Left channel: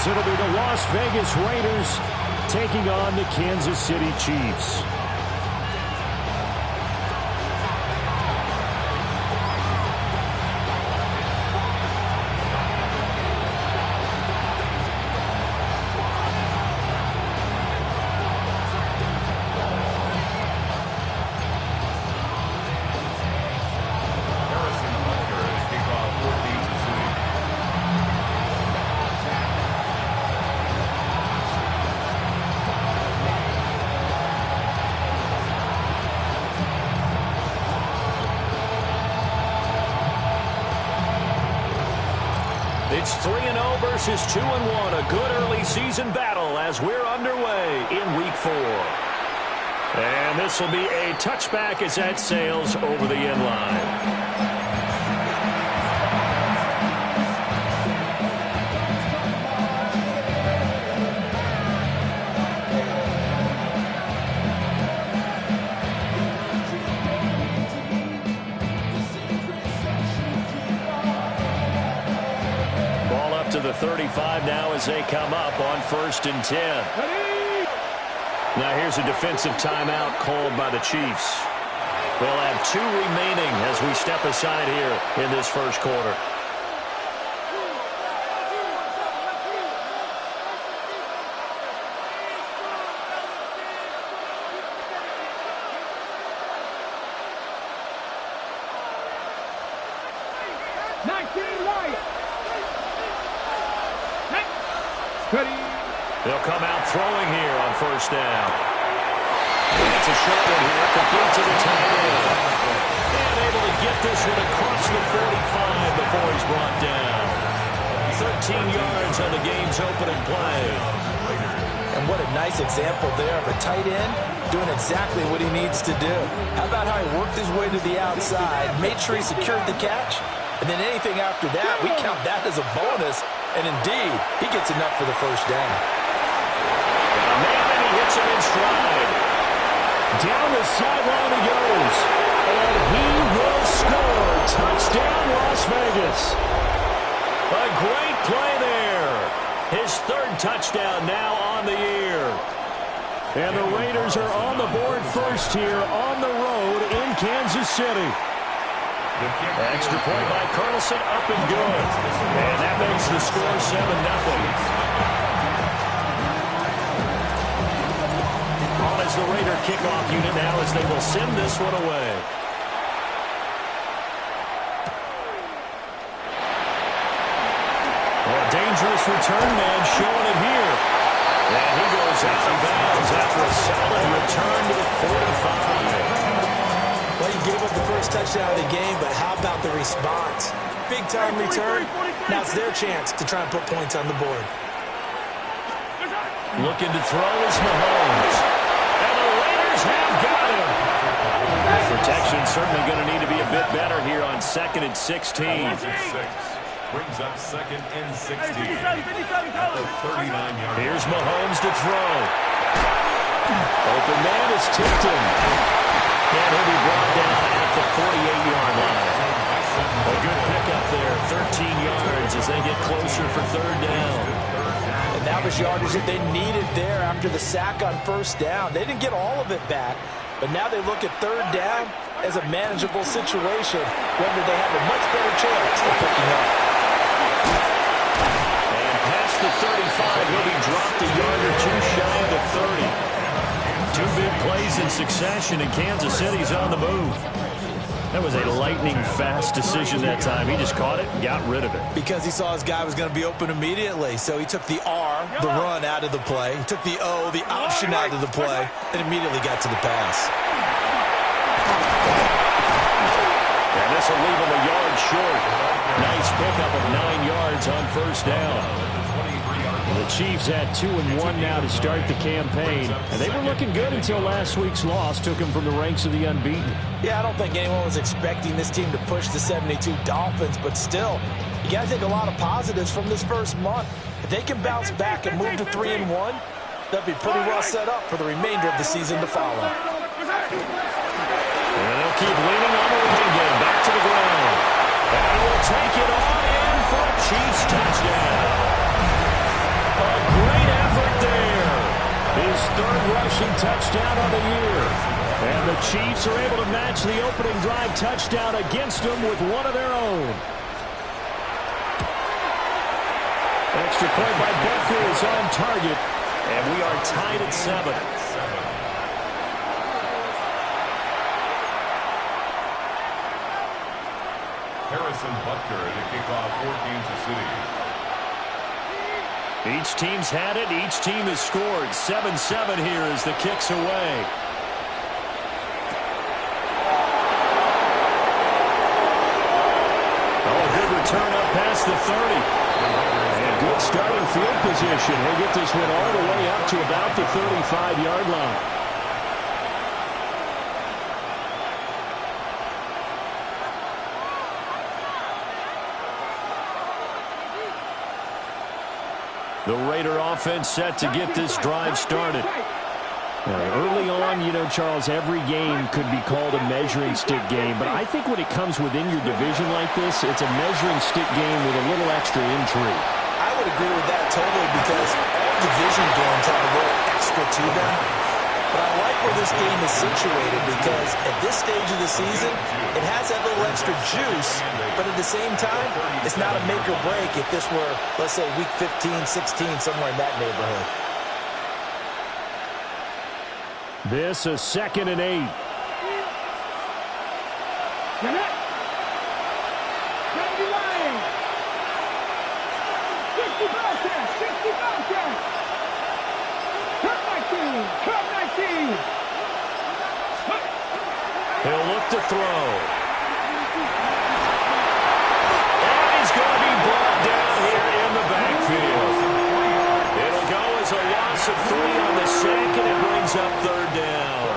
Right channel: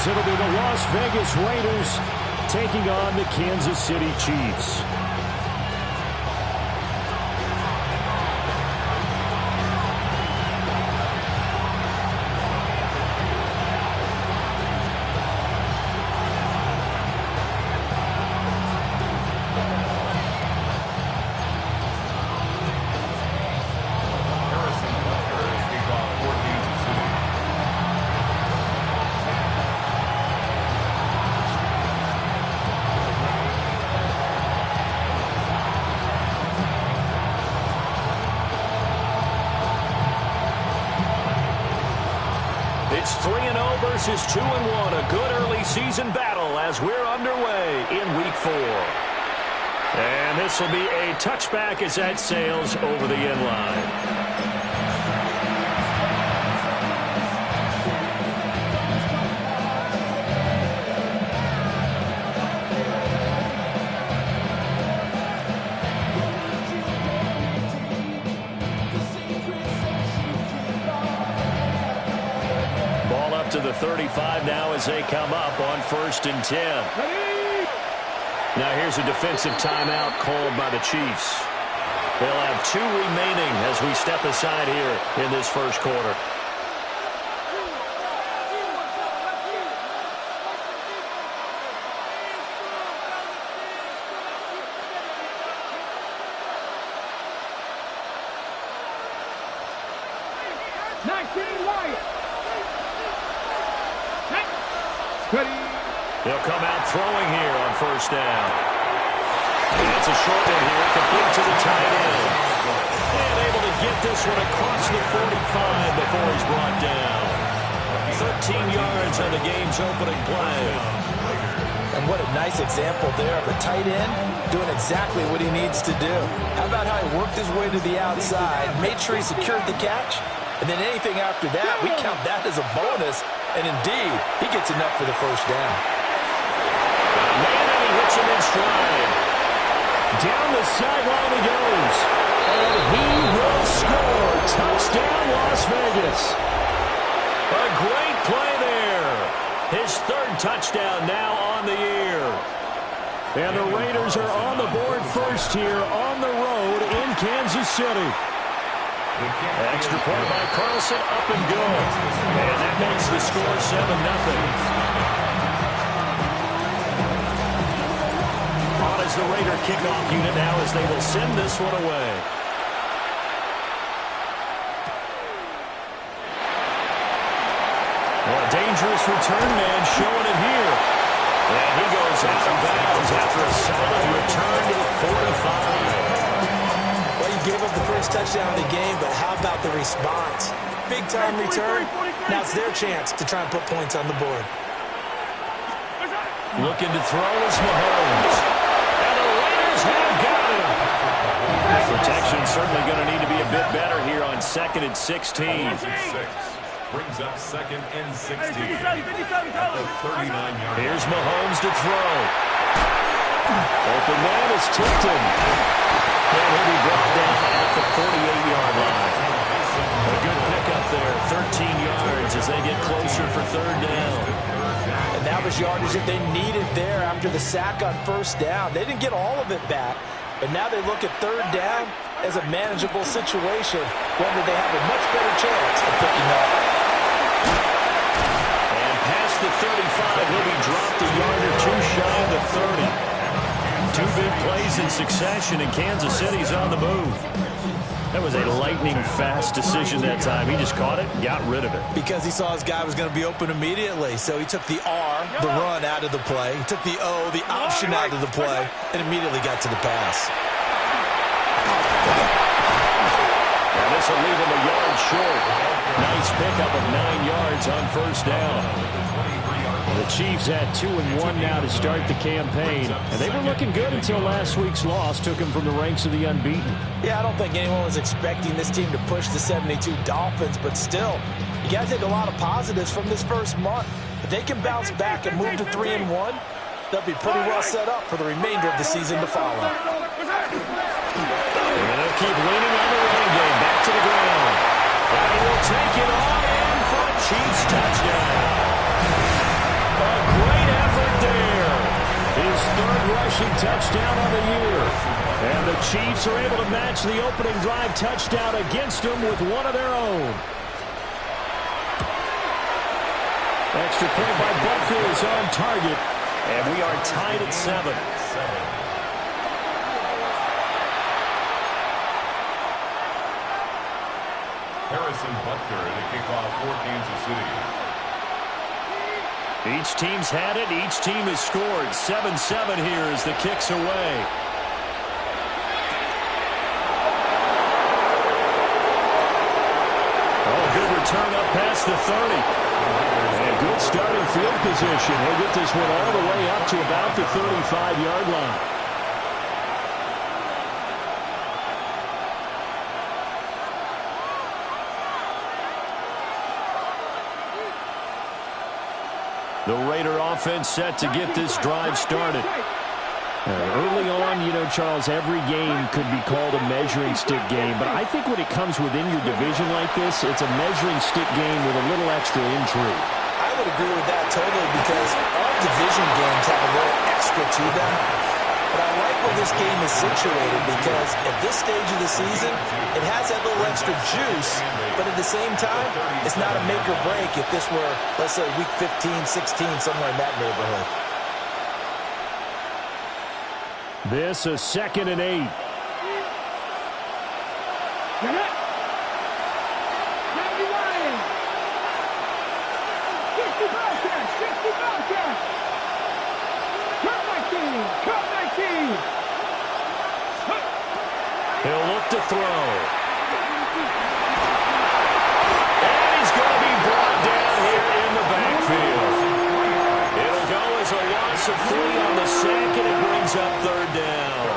as it'll be the Las Vegas Raiders taking on the Kansas City Chiefs. It's 3-0 versus 2-1. A good early season battle as we're underway in Week 4. And this will be a touchback as that sails over the end line. To the 35 now as they come up on 1st and 10. Now here's a defensive timeout called by the Chiefs. They'll have 2 remaining as we step aside here in this first quarter. They'll come out throwing here on 1st down. And it's a short one here, complete to the tight end. And able to get this one across the 45 before he's brought down. 13 yards on the game's opening play. And what a nice example there of a tight end doing exactly what he needs to do. How about how he worked his way to the outside, made sure he secured the catch, and then anything after that, we count that as a bonus. And indeed, he gets enough for the 1st down. Got a man, and he hits him in stride. Down the sideline he goes. And he will score. Touchdown, Las Vegas. A great play there. His 3rd touchdown now on the year. And the Raiders are on the board first here on the road in Kansas City. Extra point by Carlson, up and good. And that makes the score 7-0. On as the Raider kickoff unit now as they will send this one away. Well, a dangerous return man showing it here. And he goes out of bounds after a solid return to the 45. Well, you gave up the first touchdown of the game, but how about the response? Big-time return. Now it's their chance to try and put points on the board. Looking to throw is Mahomes. And the Raiders have got him. Protection certainly going to need to be a bit better here on 2nd and 16. Brings up 2nd and 16. At the 39-yard. Here's Mahomes to throw. Open man is Tipton. And he'll be brought down at the 48-yard line. A good pickup there, 13 yards as they get closer for 3rd down. And that was yardage that they needed there after the sack on 1st down. They didn't get all of it back, but now they look at 3rd down as a manageable situation, whether they have a much better chance of picking up. And past the 35, he'll be dropped a yard or 2 shy of the 30. 2 big plays in succession, and Kansas City's on the move. That was a lightning-fast decision that time. He just caught it and got rid of it. Because he saw his guy was going to be open immediately. So he took the R, the run, out of the play. He took the O, the option, out of the play, and immediately got to the pass. And this will leave him a yard short. Nice pickup of 9 yards on 1st down. The Chiefs had 2-1 now to start the campaign, and they were looking good until last week's loss took them from the ranks of the unbeaten. Yeah, I don't think anyone was expecting this team to push the 72 Dolphins, but still, you got to take a lot of positives from this first month. If they can bounce back and move to 3-1, they'll be pretty well set up for the remainder of the season to follow. And they'll keep leaning on the running game. Back to the ground. And he will take it on in for a Chiefs touchdown. His third rushing touchdown on the year. And the Chiefs are able to match the opening drive touchdown against them with one of their own. Extra point by Butker is on target. And we are tied at 7. Harrison Butker to kick off for Kansas City. Each team's had it. Each team has scored. 7-7 here as the kick's away. Oh, good return up past the 30. And good starting field position. He'll get this one all the way up to about the 35-yard line. The Raider offense set to get this drive started. Early on, you know, Charles, every game could be called a measuring stick game. But I think when it comes within your division like this, it's a measuring stick game with a little extra intrigue. I would agree with that totally because all division games have a little extra to them. But I like where this game is situated because at this stage of the season, it has that little extra juice, but at the same time, it's not a make or break if this were, let's say, week 15, 16, somewhere in that neighborhood. This is 2nd and 8. He'll look to throw. And he's going to be brought down here in the backfield. It'll go as a loss of 3 on the sack, and it brings up 3rd down.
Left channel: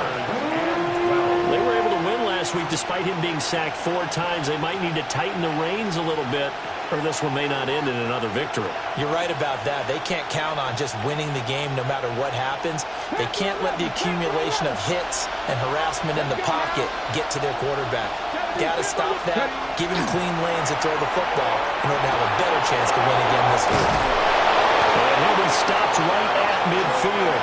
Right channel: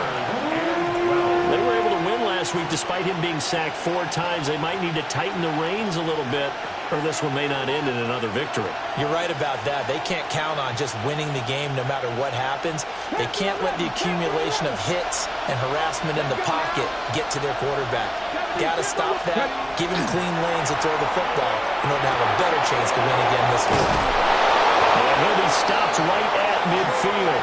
They were able to win last week despite him being sacked 4 times. They might need to tighten the reins a little bit, or this one may not end in another victory. You're right about that. They can't count on just winning the game no matter what happens. They can't let the accumulation of hits and harassment in the pocket get to their quarterback. Got to stop that, give him clean lanes to throw the football in order to have a better chance to win again this week. And he'll be stopped right at midfield.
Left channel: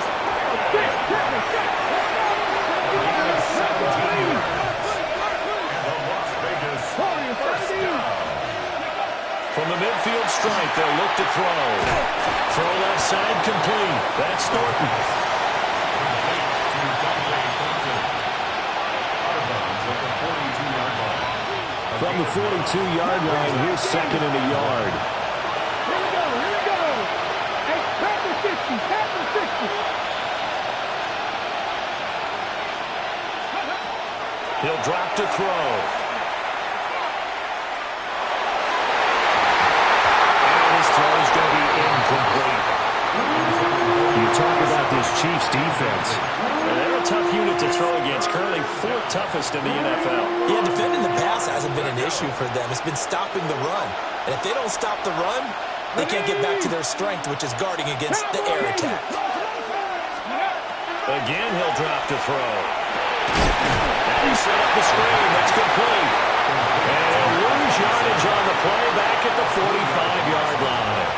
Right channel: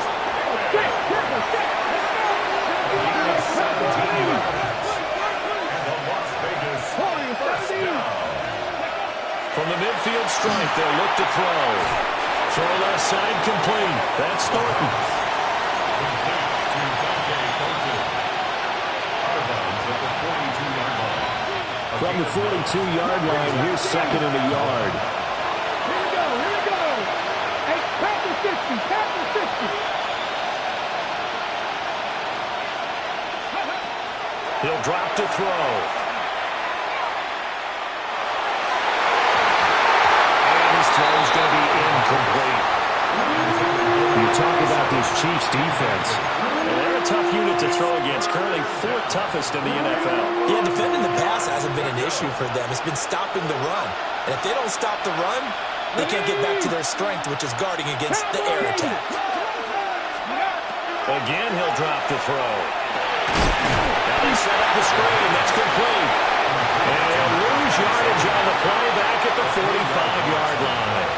From the midfield stripe, they'll look to throw. Throw left side complete. That's Thornton. From the 42-yard line, here's 2nd and a yard. Here we go. Hey, pass the 60. He'll drop to throw. His throw is going to be incomplete. You talk about this Chiefs defense. And they're a tough unit to throw against. Currently 4th toughest in the NFL. Yeah, defending the pass hasn't been an issue for them. It's been stopping the run. And if they don't stop the run, they can't get back to their strength, which is guarding against the air attack. Again, he'll drop to throw. Now they set up the screen. That's complete. And he'll lose yardage on the play back at the 45-yard line.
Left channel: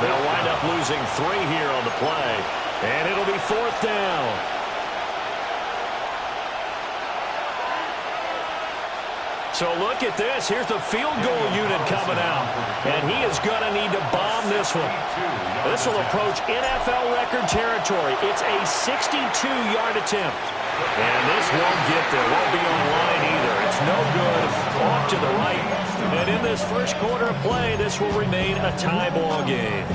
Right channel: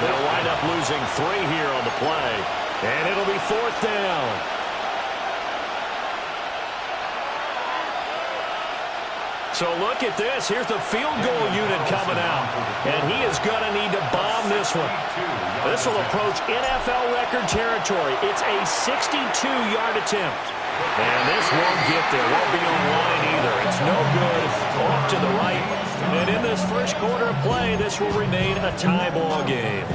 They'll wind up losing 3 here on the play. And it'll be 4th down. So look at this. Here's the field goal unit coming out. And he is going to need to bomb this one. This will approach NFL record territory. It's a 62-yard attempt. And this won't get there. Won't be on line either. It's no good. Off to the right. And in this first quarter of play, this will remain a tie ball game.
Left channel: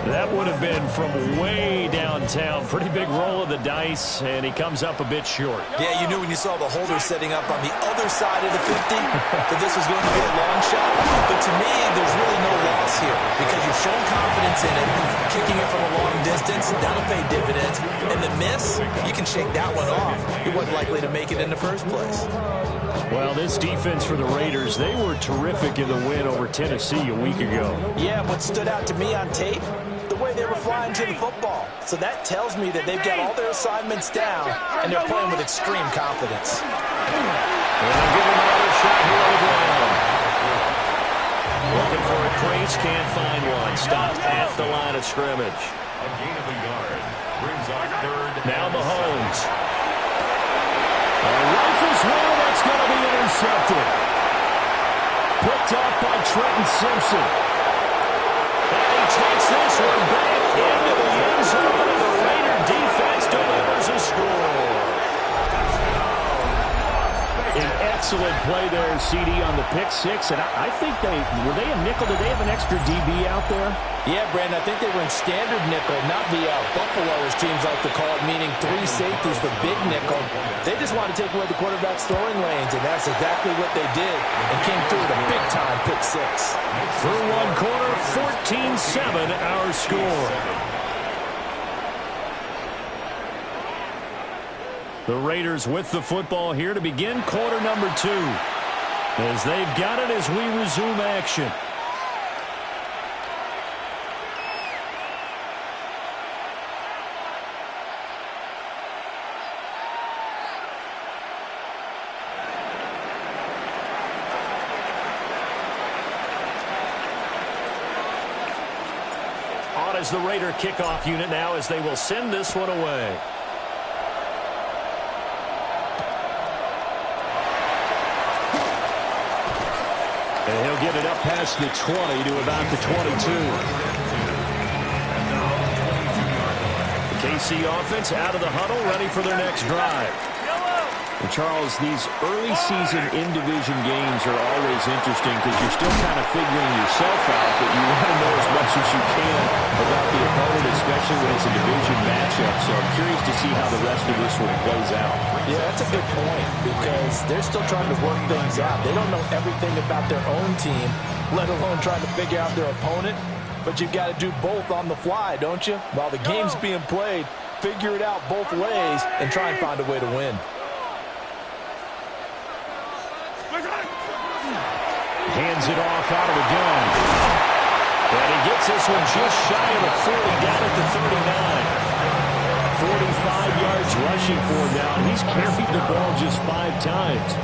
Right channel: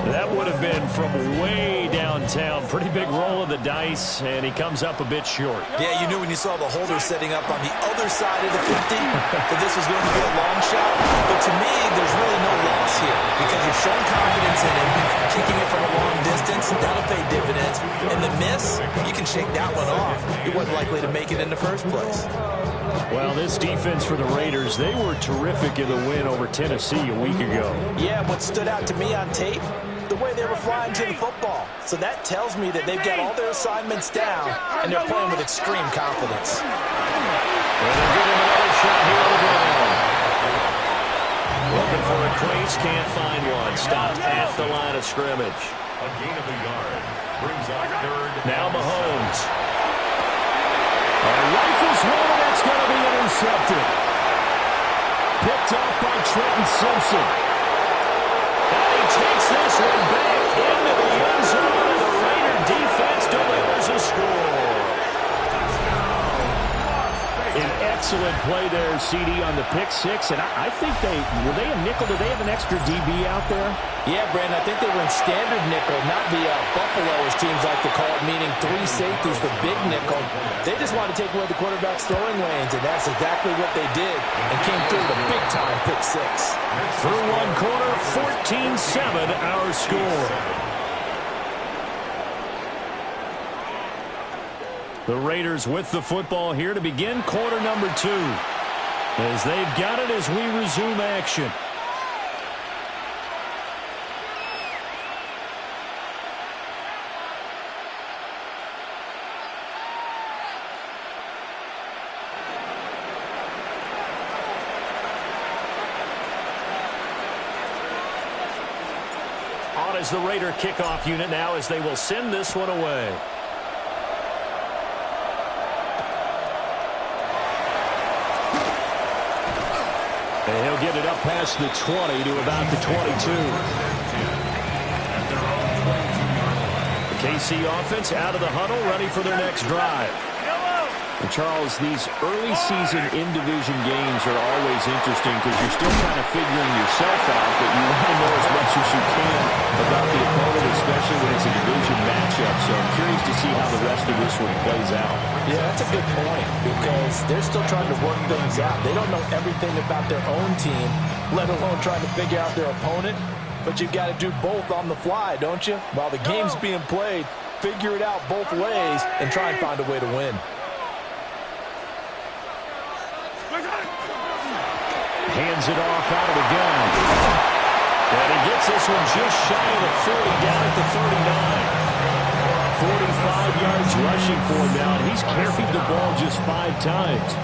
That would have been from way downtown. Pretty big roll of the dice, and he comes up a bit short. Yeah, you knew when you saw the holder setting up on the other side of the 50 that this was going to be a long shot. But to me, there's really no loss here because you've shown confidence in him. Kicking it from a long distance, that'll pay dividends. And the miss, you can shake that one off. He wasn't likely to make it in the first place. Well, this defense for the Raiders, they were terrific in the win over Tennessee a week ago. Yeah, what stood out to me on tape, the way they were flying to the football. So that tells me that they've got all their assignments down, and they're playing with extreme confidence. And they'll give him another shot here on the ground. Looking for a crease, can't find one. Stopped at the line of scrimmage. A gain of a yard. Brings up third. Now Mahomes. Rifles one, and that's going to be intercepted. Picked off by Trenton Simpson. And he takes this one back into the end zone, and the Raider defense delivers a score. An excellent play there, CD, on the pick six. And I think were they a nickel? Did they have an extra DB out there? Yeah, Brandon, I think they were in standard nickel, not the Buffalo, as teams like to call it, meaning three safeties for big nickel. They just wanted to take away the quarterback's throwing lanes, and that's exactly what they did, and came through with a big-time pick six. Through one quarter, 14-7 our score. The Raiders with the football here to begin quarter number 2. As they've got it as we resume action. On is the Raider kickoff unit now as they will send this one away. And he'll get it up past the 20 to about the 22. The KC offense out of the huddle, ready for their next drive. And Charles, these early season in-division games are always interesting because you're still kind of figuring yourself out, but you want to know as much as you can about the opponent, especially when it's a division matchup. So I'm curious to see how the rest of this one plays out. Yeah, that's a good point because they're still trying to work things out. They don't know everything about their own team, let alone trying to figure out their opponent. But you've got to do both on the fly, don't you? While the game's being played, figure it out both ways and try and find a way to win. Hands it off out of the gun. And he gets this one just shy of the 40, down at the 39. 45 yards rushing for him now, and he's carried the ball just 5 times.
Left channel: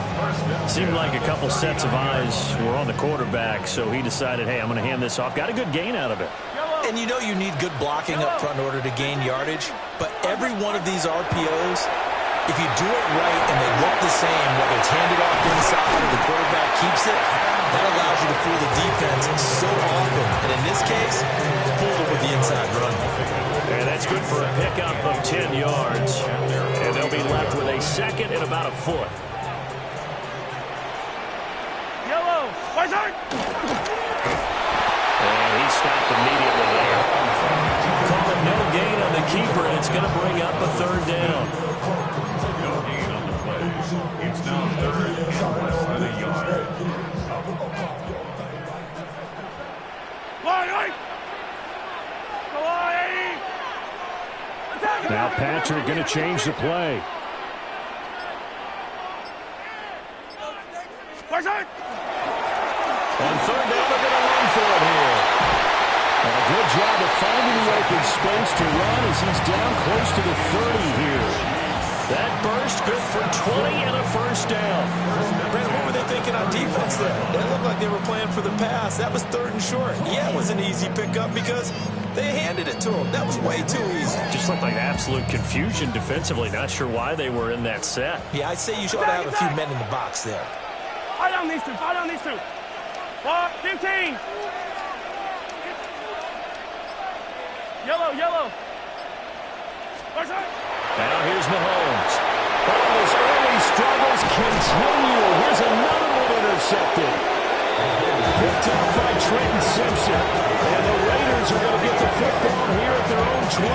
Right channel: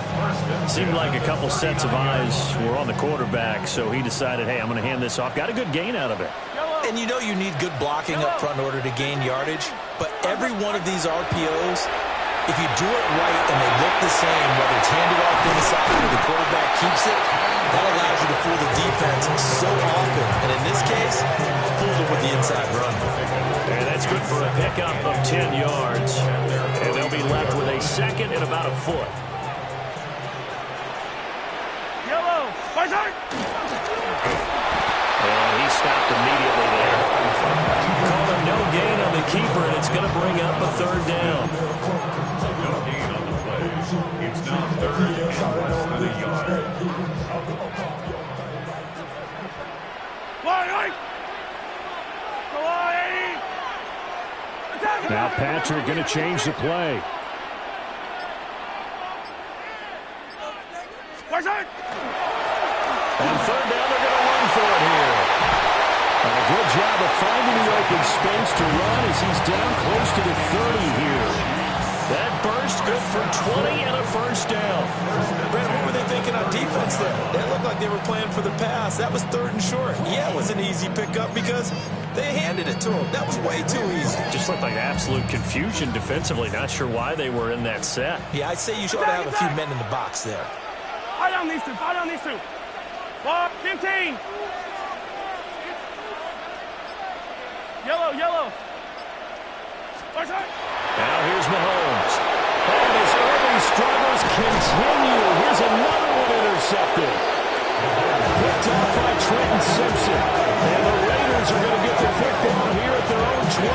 Seemed like a couple sets of eyes were on the quarterback, so he decided, hey, I'm going to hand this off. Got a good gain out of it. And you know you need good blocking up front in order to gain yardage, but every one of these RPOs, if you do it right and they look the same, whether it's handed off inside or the quarterback keeps it, that allows you to fool the defense so often. And in this case, fooled them with the inside run. And that's good for a pickup of 10 yards. And they'll be left with a second and about a foot. Yellow, and he stopped immediately there. Call it no gain on the keeper, and it's going to bring up a third down. No gain on the play. It's now third and less than a yard. Now Patrick going to change the play. On third down, they're going to run for it here. And a good job of finding the open space to run as he's down close to the 30 here. That burst good for 20 and a first down. Brandon, what were they thinking on defense there? They looked like they were playing for the pass. That was third and short. Yeah, it was an easy pickup because they handed it to him. That was way too easy. Just looked like absolute confusion defensively. Not sure why they were in that set. Yeah, I'd say you should have a few men in the box there. Fight on these two. Fight on these two. 15. Yellow. Now here's Mahomes. Oh, his early struggles continue. Here's another one intercepted. Picked off by Trenton Simpson. And the Raiders are going to get the football here at their own 23.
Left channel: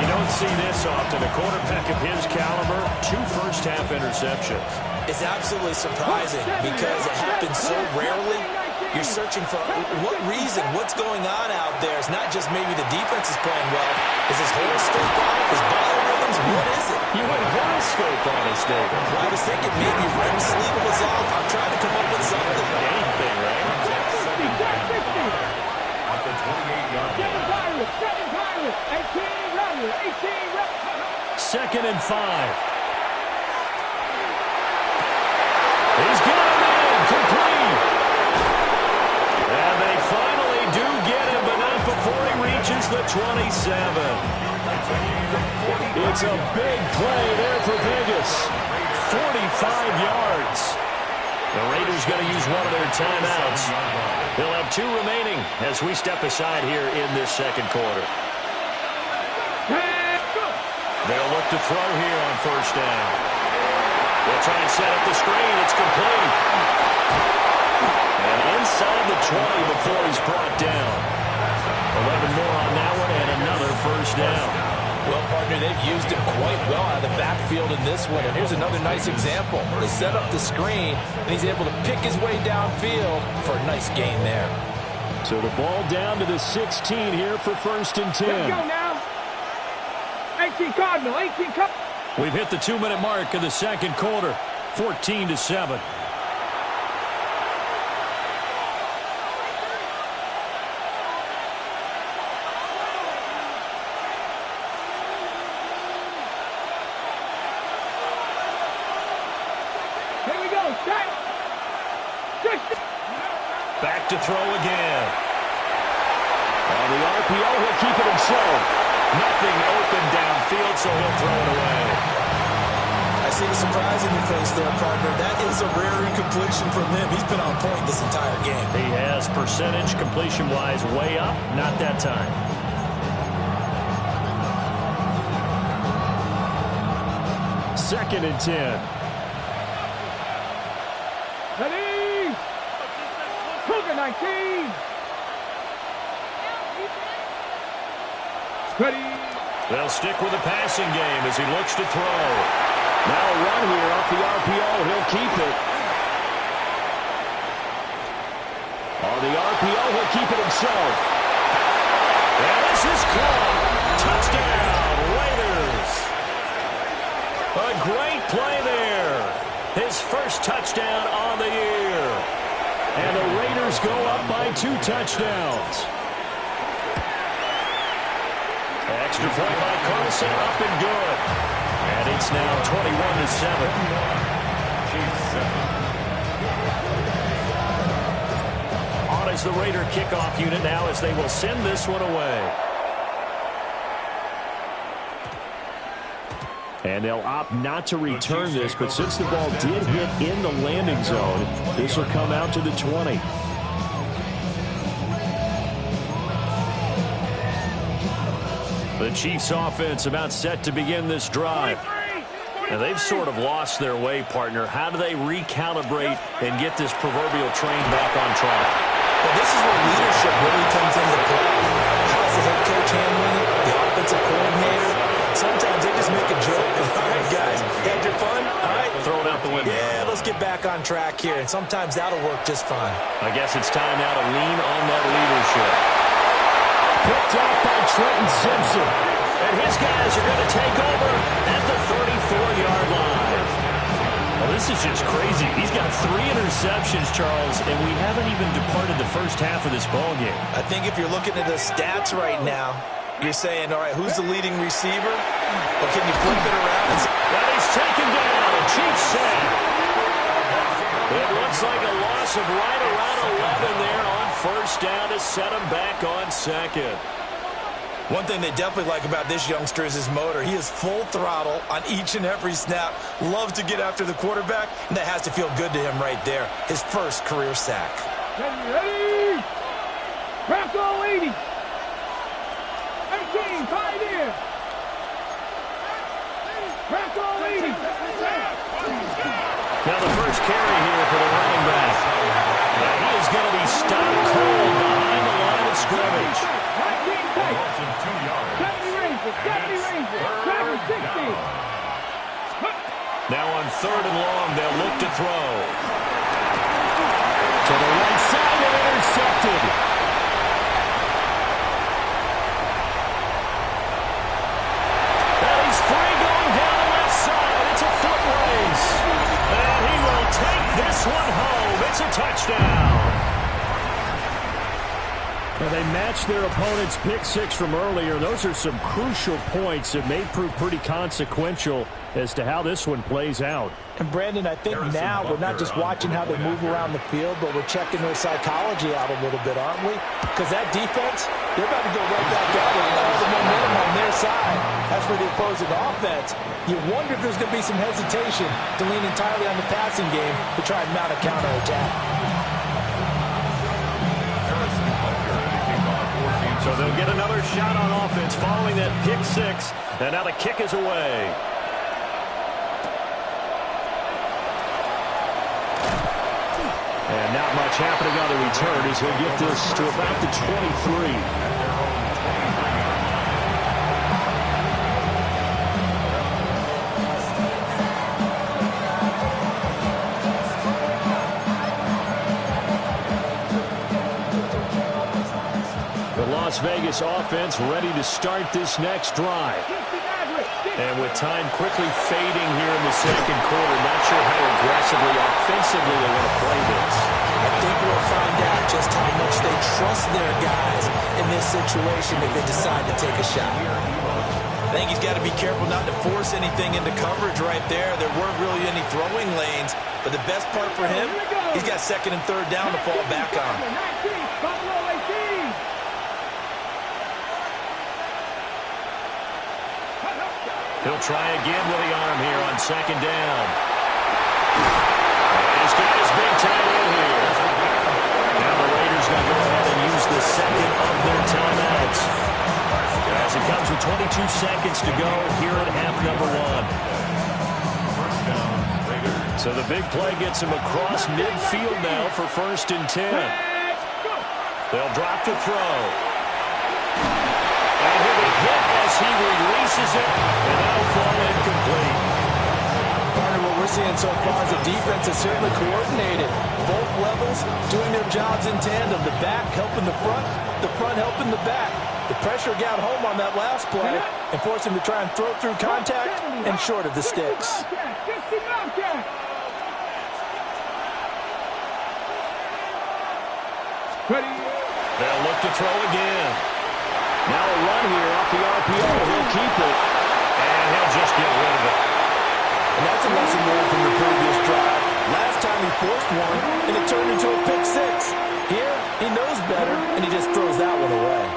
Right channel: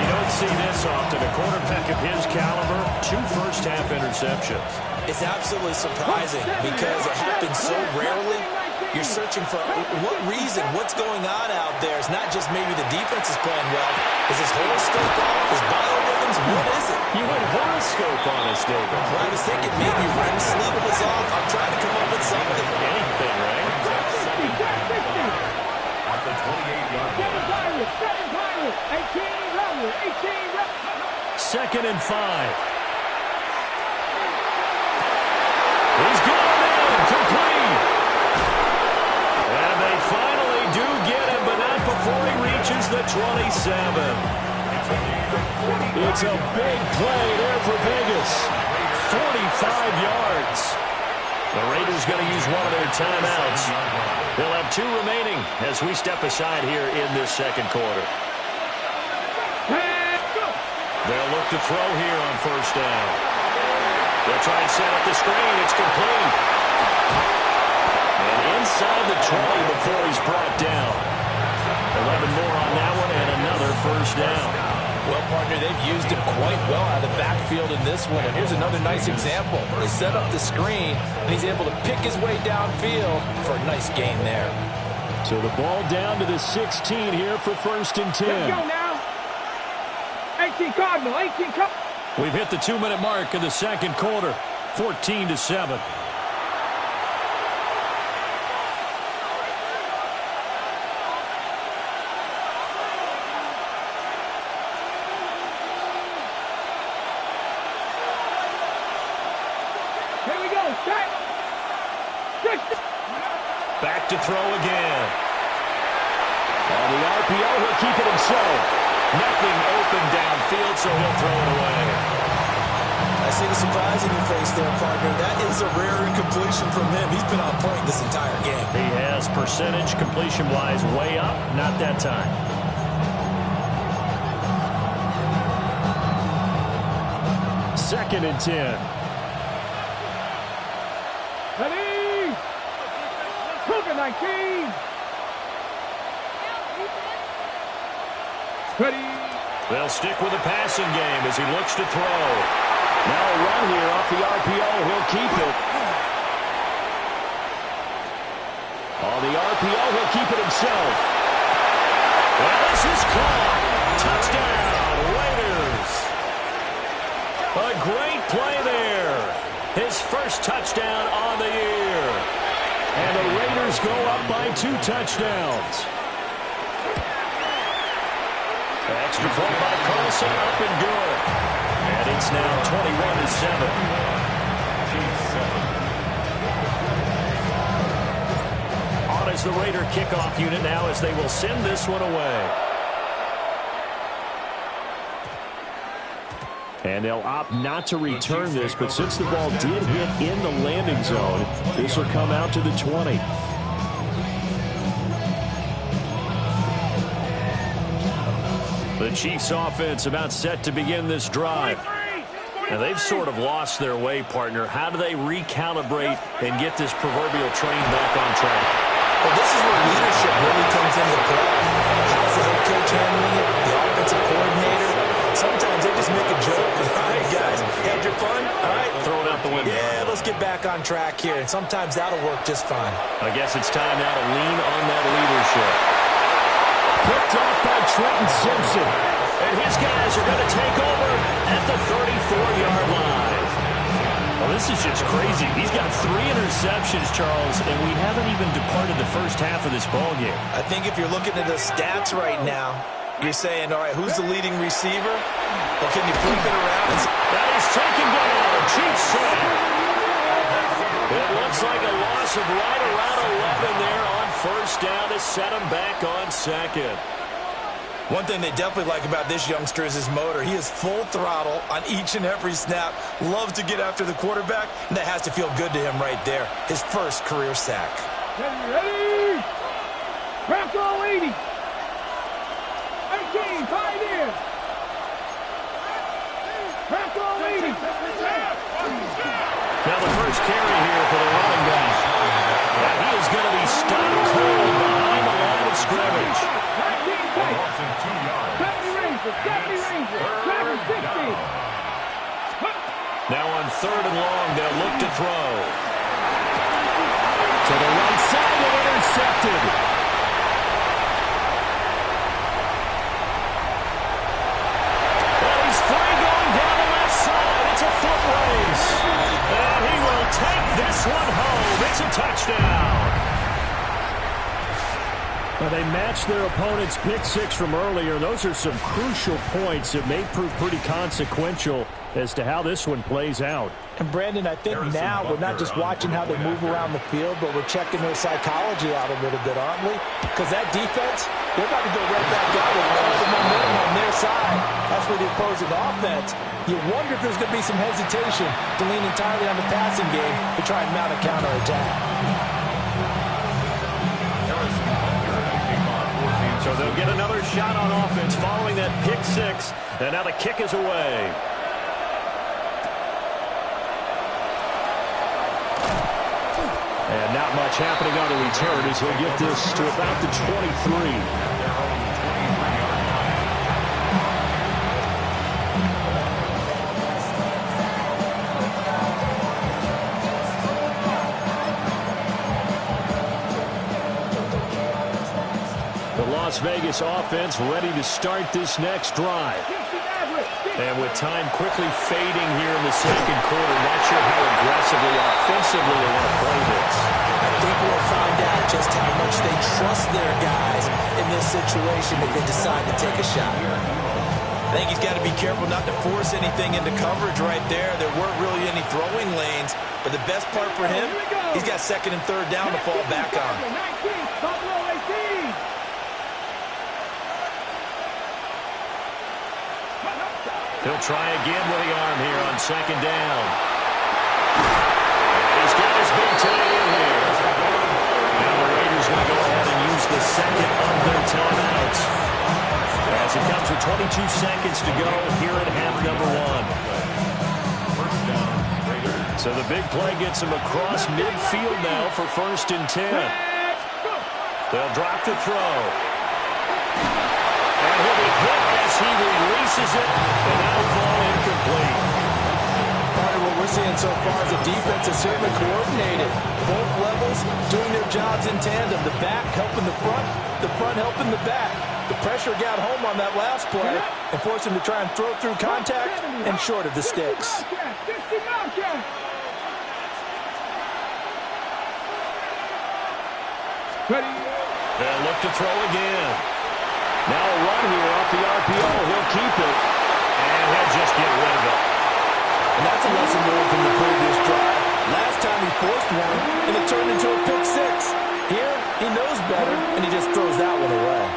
You don't see this often. A quarterback of his caliber, 2 first-half interceptions. It's absolutely surprising because it happens so rarely. You're searching for what reason, what's going on out there. It's not just maybe the defense is playing well. Is his horoscope off? His biorhythms? What is it? You went horoscope on us, David. Well, I was thinking maybe REM sleep was off. I'm trying to come up with something. Anything, right? At the 28-yard line. 2nd and 5. He's got him in. Complete. And they finally do get him, but not before he reaches the 27. It's a big play there for Vegas. 45 yards. The Raiders going to use one of their timeouts. They'll have 2 remaining as we step aside here in this second quarter. They'll look to throw here on first down. They'll try and set up the screen. It's complete. And inside the 20 before he's brought down. 11 more on that one and another first down. Well, partner, they've used him quite well out of the backfield in this one. And here's another nice example. They set up the screen, and he's able to pick his way downfield for a nice gain there. So the ball down to the 16 here for first and 10. Let's go now. 18 Cardinal, 18 Cardinal. We've hit the 2-minute mark of the second quarter. 14-7. Here we go. Set. Back to throw again. On the RPO, he'll keep it himself. Nothing open downfield, so he'll throw it away. I see the surprise in your face there, partner. That is a rare incompletion from him. He's been on point this entire game. He has percentage completion-wise way up. Not that time. Second and 10. Ready. Cougar 19. Ready. They'll stick with the passing game as he looks to throw. Now a run here off the RPO. He'll keep it. On the RPO, he'll keep it himself. And this is caught. Touchdown, Raiders. A great play there. His first touchdown on the year. And the Raiders go up by 2 touchdowns. Extra point by Carlson, up and good. And it's now 21-7. On is the Raider kickoff unit now as they will send this one away. And they'll opt not to return this, but since the ball did hit in the landing zone, this will come out to the 20. The Chiefs offense about set to begin this drive. Now they've sort of lost their way, partner. How do they recalibrate and get this proverbial train back on track? Well, this is where leadership really comes into play. How's the head coach handling it? The offensive coordinator? Sometimes they just make a joke. All right, guys, had your fun? All right. Throw it out the window. Yeah, let's get back on track here. And sometimes that'll work just fine. I guess it's time now to lean on that leadership. Picked off by Trenton Simpson. And his guys are going to take over at the 34-yard line. Well, this is just crazy. He's got 3 interceptions, Charles, and we haven't even departed the first half of this ballgame. I think if you're looking at the stats right now, you're saying, all right, who's the leading receiver? Well, can you flip it around? That is taken down. A Chiefs sack. It looks like a loss of right around 11 there on first down to set him back on second. One thing they definitely like about this youngster is his motor. He is full throttle on each and every snap. Loves to get after the quarterback, and that has to feel good to him right there. His first career sack. Ready. Bronco 80. 18, Pioneer. Bronco 80. Now the first carry here for the running back. And he is going to be stopped cold behind the line of scrimmage. 19 tight. 70 Rangers. 70 Rangers. Travis 60. Now on 3rd and long, they'll look to throw. To the right side and intercepted. And he's free going down the left side. It's a foot race. And he will take this one home. It's a touchdown. Well, they matched their opponent's pick six from earlier. Those are some crucial points that may prove pretty consequential as to how this one plays out. And, Brandon, I think now we're not just watching how they move around the field, but we're checking their psychology out a little bit, aren't we? Because that defense, they're about to go right back out with all the momentum on their side. That's for the opposing offense. You wonder if there's going to be some hesitation to lean entirely on the passing game to try and mount a counterattack. So they'll get another shot on offense following that pick six. And now the kick is away. And not much happening on the return as he'll get this to about the 23. Las Vegas offense ready to start this next drive. And with time quickly fading here in the second quarter, not sure how aggressively, offensively they want to play this. I think we'll find out just how much they trust their guys in this situation if they decide to take a shot. I think he's got to be careful not to force anything into coverage right there. There weren't really any throwing lanes, but the best part for him, he's got second and third down to fall back on. He'll try again with the arm here on second down. And he's got his big tight end here. Now the Raiders going to go ahead and use the second of their timeouts. As it comes with 22 seconds to go here at half number one. First down, Raiders. So the big play gets him across midfield now for 1st and 10. They'll drop to throw. And he'll be hit as he releases it, and that'll fall incomplete. Part of what we're seeing so far is the defense is certainly coordinated. Both levels doing their jobs in tandem. The back helping the front helping the back. The pressure got home on that last play and forced him to try and throw through contact and short of the sticks. They'll look to throw again. Now a run here off the RPO. He'll keep it, and he'll just get rid of it. And that's a lesson learned from the previous drive. Last time he forced one, and it turned into a pick six. Here, he knows better, and he just throws that one away.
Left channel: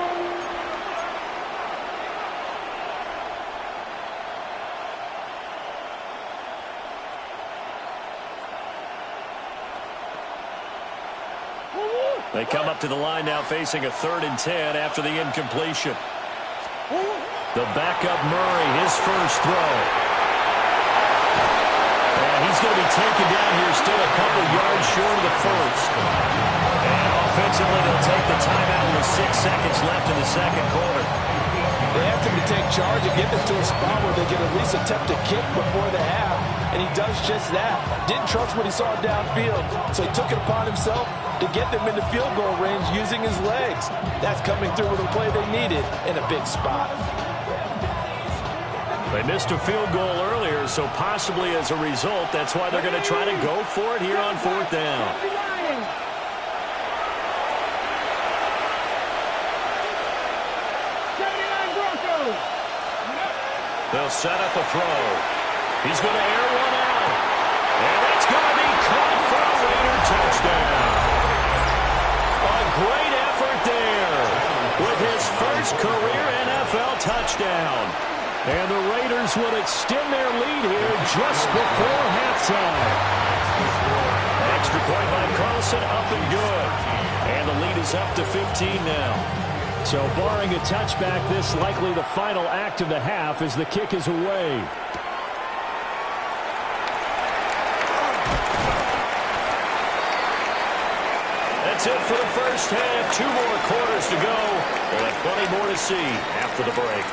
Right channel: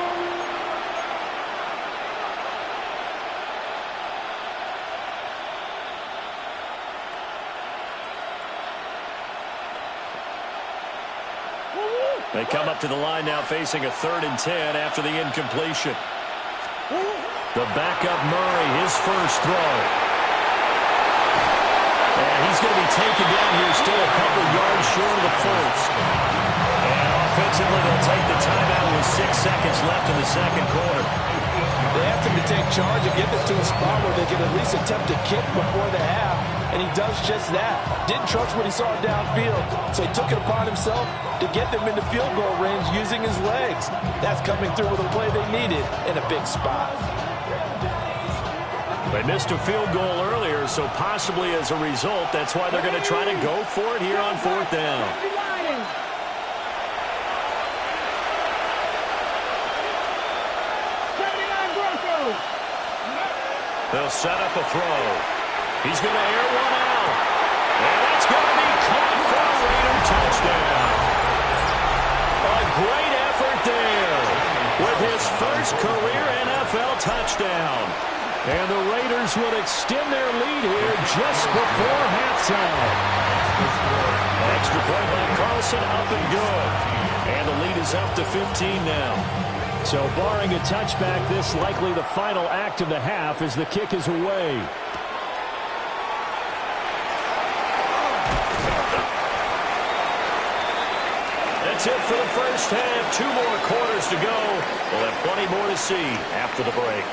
They come up to the line now facing a 3rd and 10 after the incompletion. The backup Murray, his first throw. And he's going to be taken down here still a couple yards short of the first. And offensively, they'll take the timeout with 6 seconds left in the second quarter. They asked him to take charge and get this to a spot where they can at least attempt a kick before the half, and he does just that. Didn't trust what he saw downfield, so he took it upon himself to get them into field goal range using his legs. That's coming through with a play they needed in a big spot. They missed a field goal earlier, so possibly as a result, that's why they're going to try to go for it here on 4th down. They'll set up a throw. He's going to air one out. And that's going to be caught for a Raider touchdown. A great effort there with his first career NFL touchdown. And the Raiders will extend their lead here just before halftime. Extra point by Carlson, up and good. And the lead is up to 15 now. So barring a touchback, this likely the final act of the half as the kick is away. That's it for the first half. 2 more quarters to go. We'll have plenty more to see after the break.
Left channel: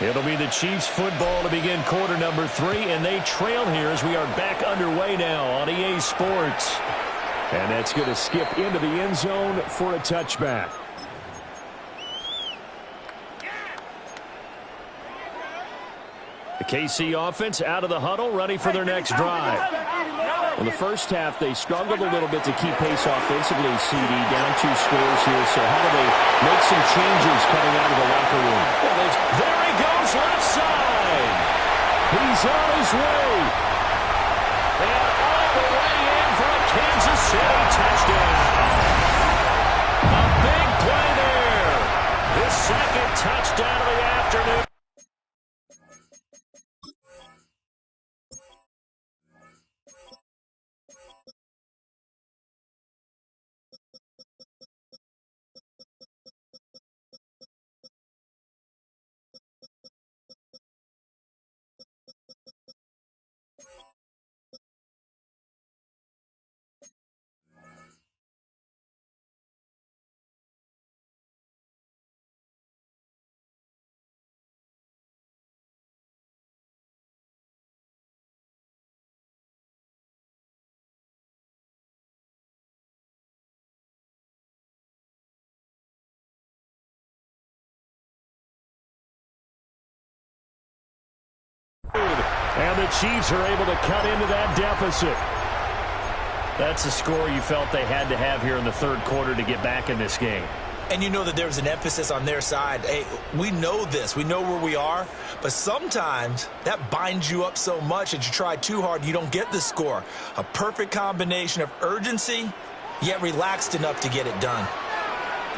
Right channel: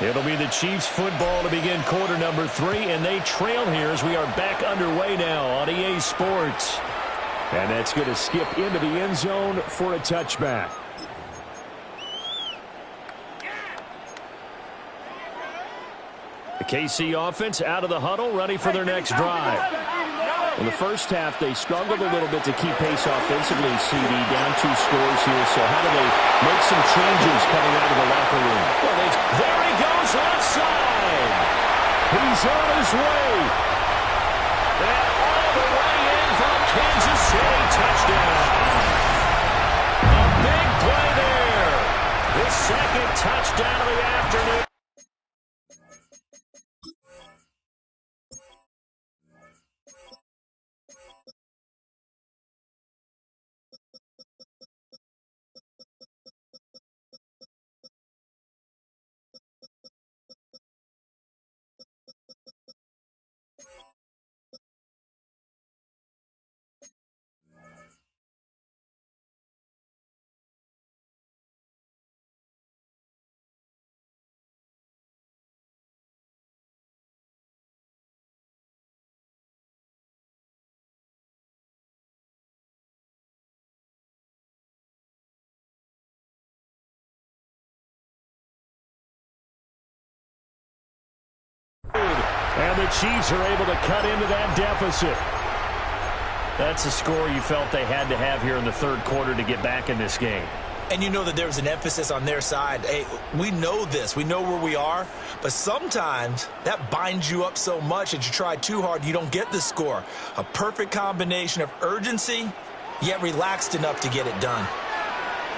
It'll be the Chiefs football to begin quarter number 3, and they trail here as we are back underway now on EA Sports. And that's going to skip into the end zone for a touchback. The KC offense out of the huddle, ready for their next drive. In the first half, they struggled a little bit to keep pace offensively, CD, down 2 scores here. So how do they make some changes coming out of the locker room? Well, there he goes, left side. He's on his way. And all the way in for a Kansas City touchdown. A big play there. His second touchdown of the afternoon. And the Chiefs are able to cut into that deficit. That's a score you felt they had to have here in the third quarter to get back in this game. And you know that there was an emphasis on their side. Hey, we know this. We know where we are. But sometimes that binds you up so much that you try too hard, you don't get the score. A perfect combination of urgency, yet relaxed enough to get it done.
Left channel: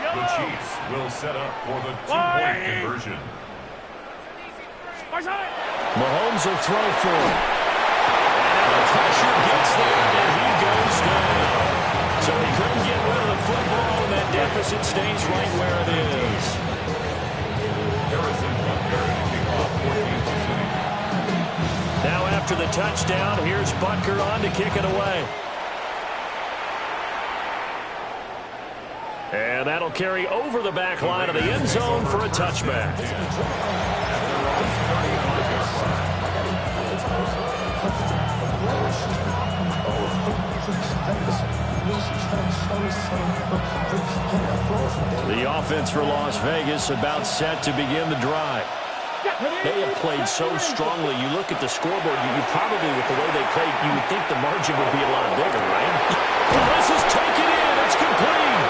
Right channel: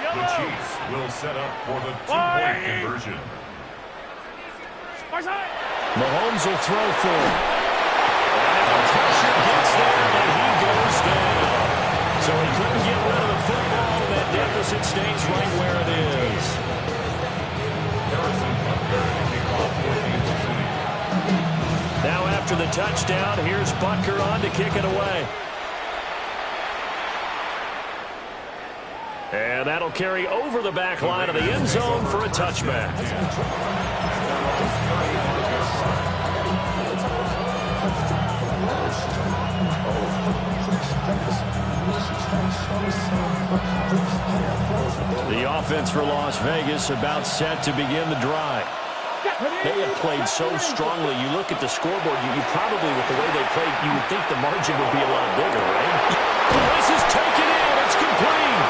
The Chiefs will set up for the two-point conversion. Mahomes will throw for him. And now the pressure gets there, and he goes down. So he couldn't get rid of the football, and that deficit stays right where it is. Harrison Butker to kick off for Kansas City. Now after the touchdown, here's Butker on to kick it away. And that'll carry over the back line of the end zone for a touchback. The offense for Las Vegas about set to begin the drive. They have played so strongly. You look at the scoreboard, you probably, with the way they played, you would think the margin would be a lot bigger, right? Well, this is taken in. It's complete.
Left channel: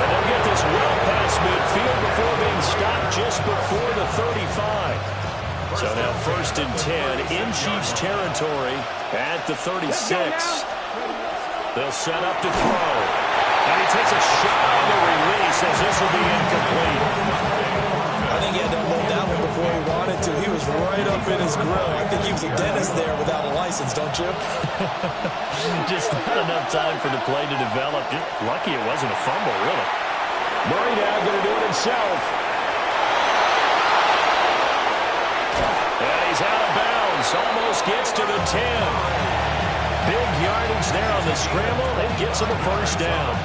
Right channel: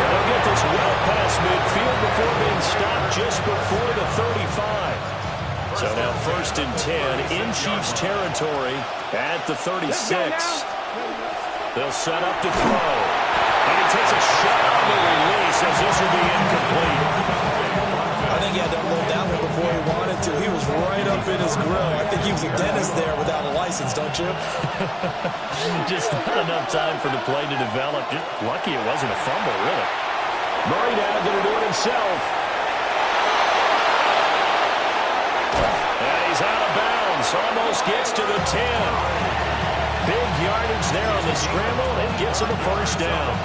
And they'll get this well past midfield before being stopped just before the 35. So now 1st and 10 in Chiefs territory at the 36. They'll set up to throw. And he takes a shot on the release as this will be incomplete. I think he had to unload that one before he wanted to. He was right up in his grill. I think he was a dentist there without a license, don't you? Just not enough time for the play to develop. Just lucky it wasn't a fumble, really. Murray now going to do it himself. And he's out of bounds. Almost gets to the 10. Big yardage there on the scramble. It gets him a first down.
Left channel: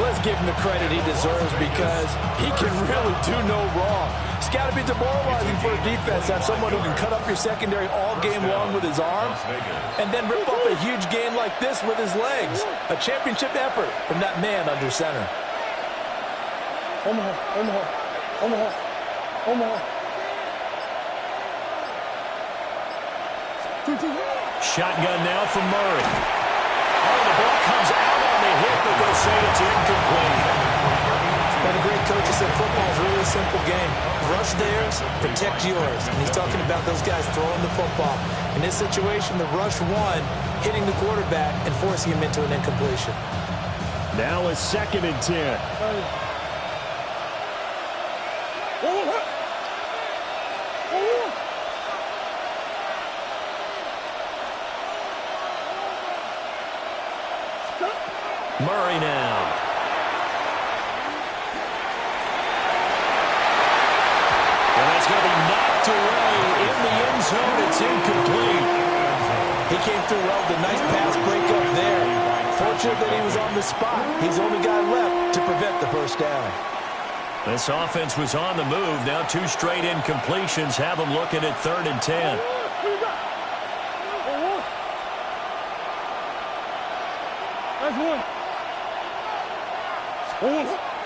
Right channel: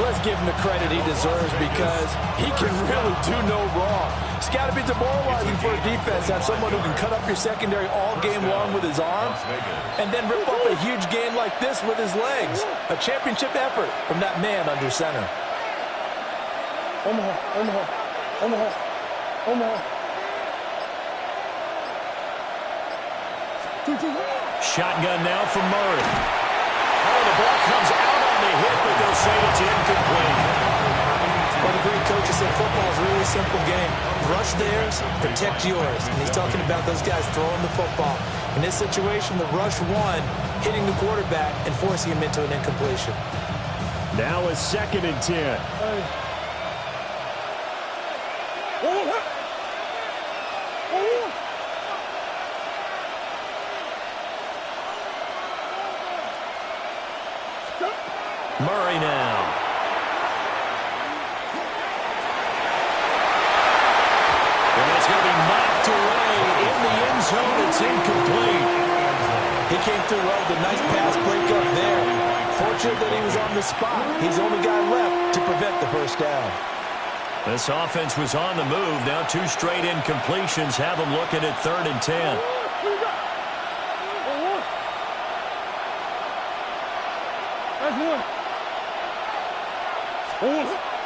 Let's give him the credit he deserves because he can really do no wrong. It's got to be demoralizing for a defense to have someone who can cut up your secondary all game long with his arm and then rip up a huge game like this with his legs. A championship effort from that man under center. Omaha, Omaha, Omaha, Omaha. Shotgun now from Murray. Oh, the ball comes out on the hit, but they'll say it's incomplete. But a great coach said football is really a simple game. Rush theirs, protect yours. And he's talking about those guys throwing the football. In this situation, the rush one, hitting the quarterback and forcing him into an incompletion. Now a 2nd and 10. Murray now. And that's going to be knocked away in the end zone. It's incomplete. He came through well with a nice pass breakup there. Fortunate that he was on the spot. He's the only guy left to prevent the first down. This offense was on the move. Now 2 straight incompletions have them looking at 3rd and 10.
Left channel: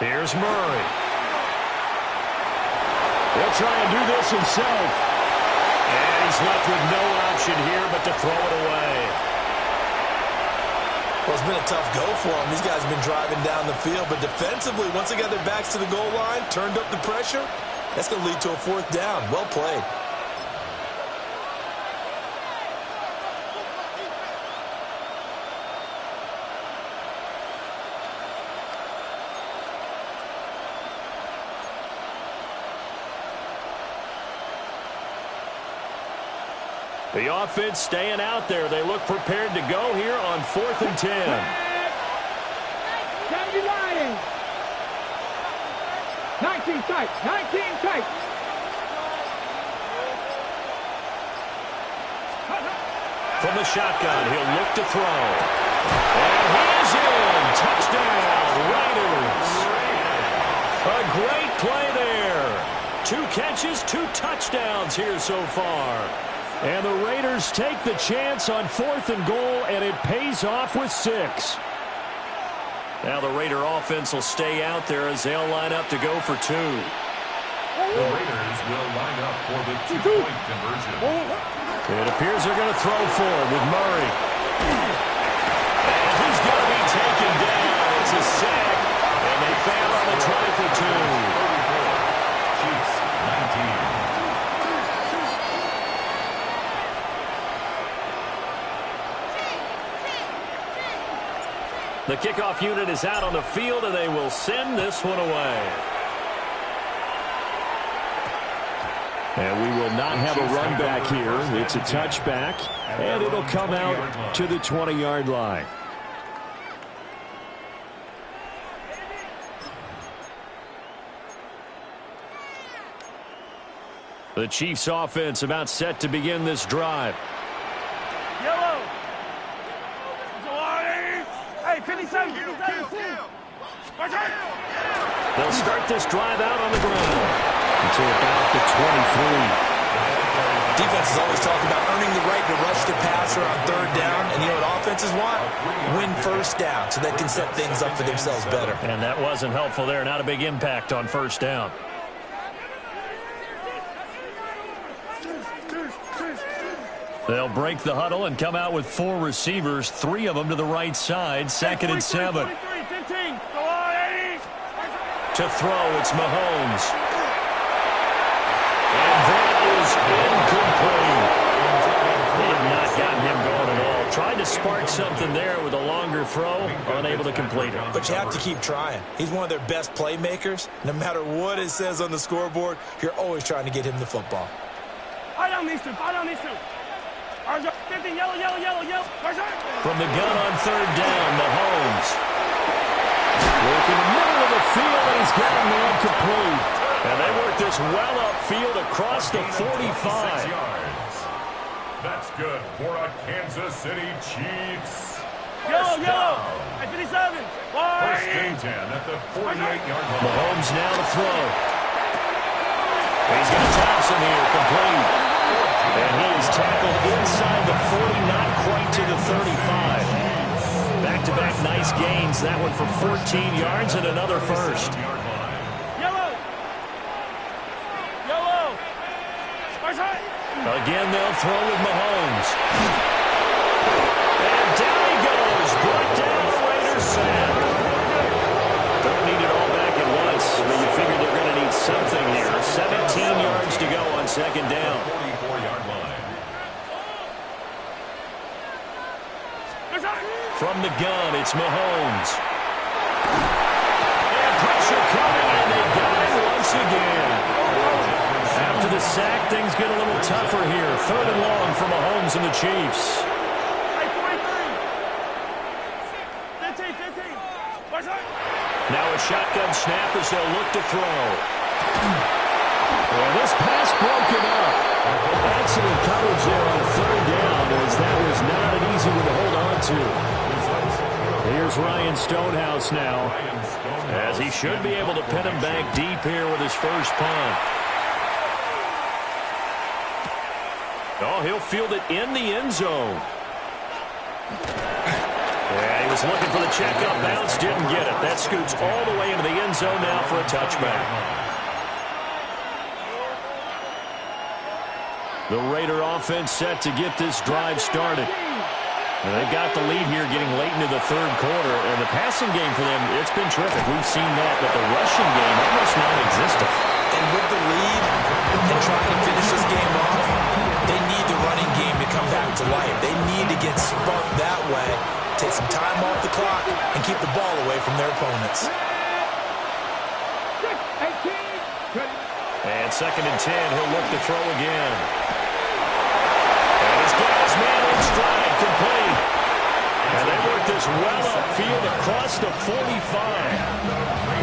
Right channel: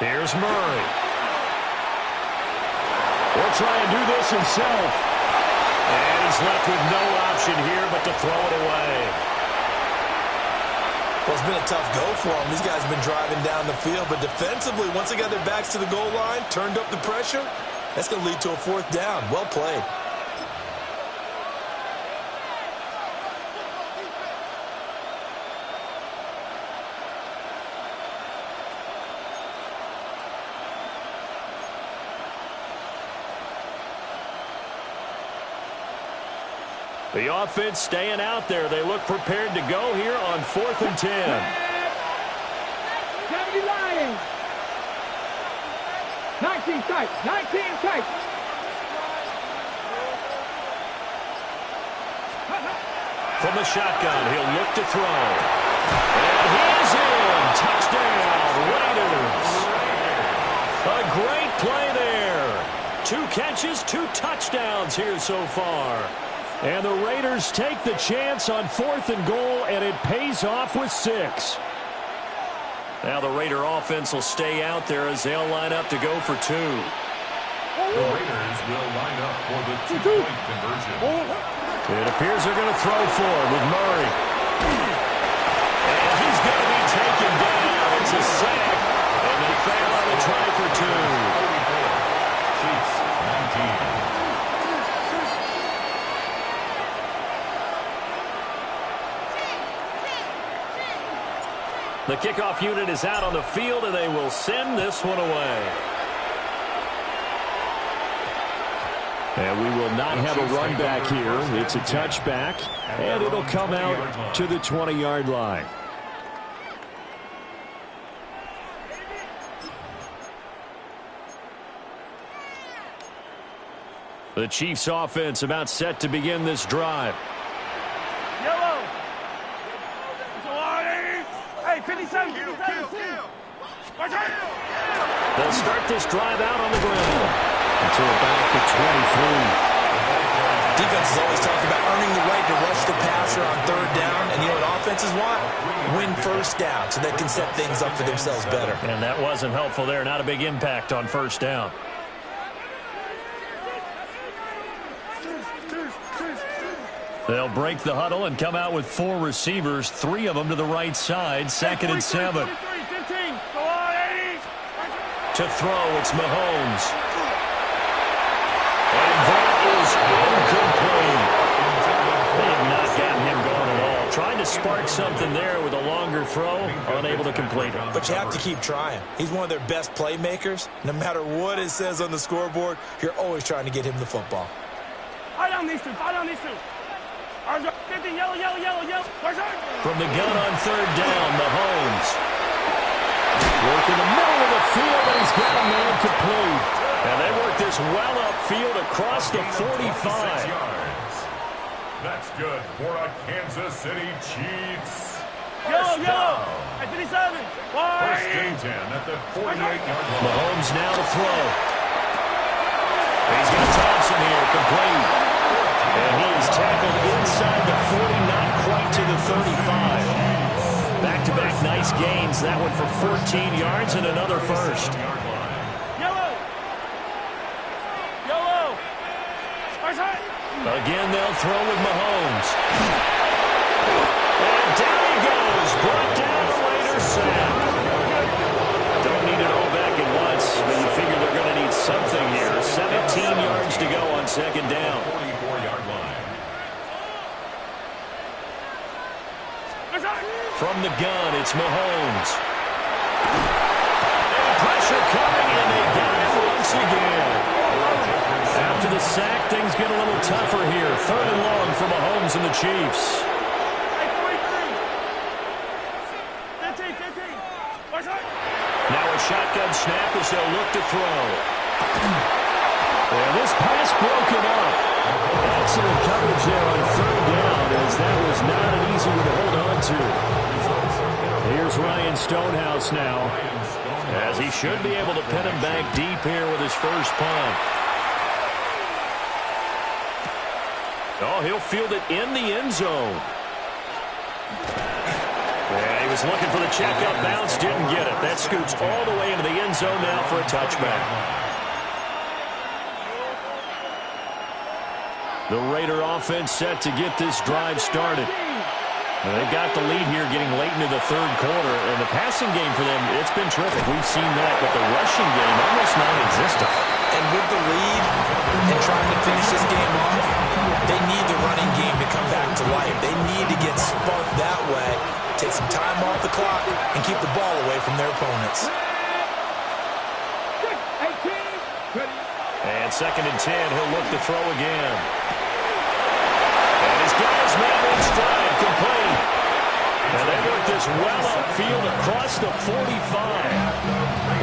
Here's Murray. He'll try and do this himself. And he's left with no option here but to throw it away. Well, it's been a tough go for them. These guys have been driving down the field, but defensively, once they got their backs to the goal line, turned up the pressure, that's going to lead to a 4th down. Well played. The offense staying out there. They look prepared to go here on 4th and 10. Can't be lying. 19 tight. 19 tight. From the shotgun, he'll look to throw. And he is in. Touchdown, Raiders. A great play there. 2 catches, 2 touchdowns here so far. And the Raiders take the chance on 4th and goal, and it pays off with 6. Now the Raider offense will stay out there as they'll line up to go for 2. The Raiders will line up for the 2-point conversion. It appears they're going to throw for it with Murray. And he's going to be taken down. It's a sack, and they fail on the try for 2. 34, Chiefs 19. The kickoff unit is out on the field, and they will send this one away. And we will not have a run back here. It's a touchback, and it'll come out to the 20-yard line. The Chiefs offense about set to begin this drive. Yellow. Hey, 57. They'll start this drive out on the ground until about the 23. Defense is always talking about earning the right to rush the passer on 3rd down. And you know what offenses want? Win 1st down so they can set things up for themselves better. And that wasn't helpful there. Not a big impact on 1st down. They'll break the huddle and come out with 4 receivers, 3 of them to the right side. 2nd and 7. 15. Go on, 80. To throw, it's Mahomes. And that is incomplete. They have not gotten him going at all. Tried to spark something there with a longer throw, unable to complete it. But you have to keep trying. He's one of their best playmakers. No matter what it says on the scoreboard, you're always trying to get him the football. Fight on these 2. Fight on these 2. 15, yellow. From the gun on 3rd down, Mahomes. Work in the middle of the field, and he's got a man complete. And they work this well upfield across the 45. Yards. That's good for a Kansas City Chiefs. Yellow. At 57. 1st and 10 at the 48-yard line. Mahomes now to throw. He's got Thompson here, complete. And he is tackled inside the 40, not quite to the 35. Back-to-back nice gains. That one for 14 yards and another first. Yellow. Again, they'll throw with Mahomes. And down he goes. Brought down a Raider sack. Don't need it all back at once, but you figure they're going to need something here. 17 yards to go on 2nd down. 44-yard line. From the gun, it's Mahomes. And pressure coming, and they got it once again. After the sack, things get a little tougher here. 3rd and long for Mahomes and the Chiefs. Hey, 43. 15. Now a shotgun snap as they'll look to throw. And this pass broken up. Excellent coverage there on 3rd down, as that was not an easy one to hold on to. Results in a Here's Ryan Stonehouse now, as he should be able to pin him back deep here with his first punt. Oh, he'll field it in the end zone. Yeah, he was looking for the check-up bounce, didn't get it. That scoots all the way into the end zone now for a touchback. The Raider offense set to get this drive started. They've got the lead here getting late into the third quarter, and the passing game for them, it's been terrific. We've seen that, but the rushing game almost non-existent. And with the lead and trying to finish this game off, they need the running game to come back to life. They need to get sparked that way, take some time off the clock, and keep the ball away from their opponents. And 2nd and 10, he'll look to throw again. And he's got his man in stride, complete. And they work this well upfield across the 45.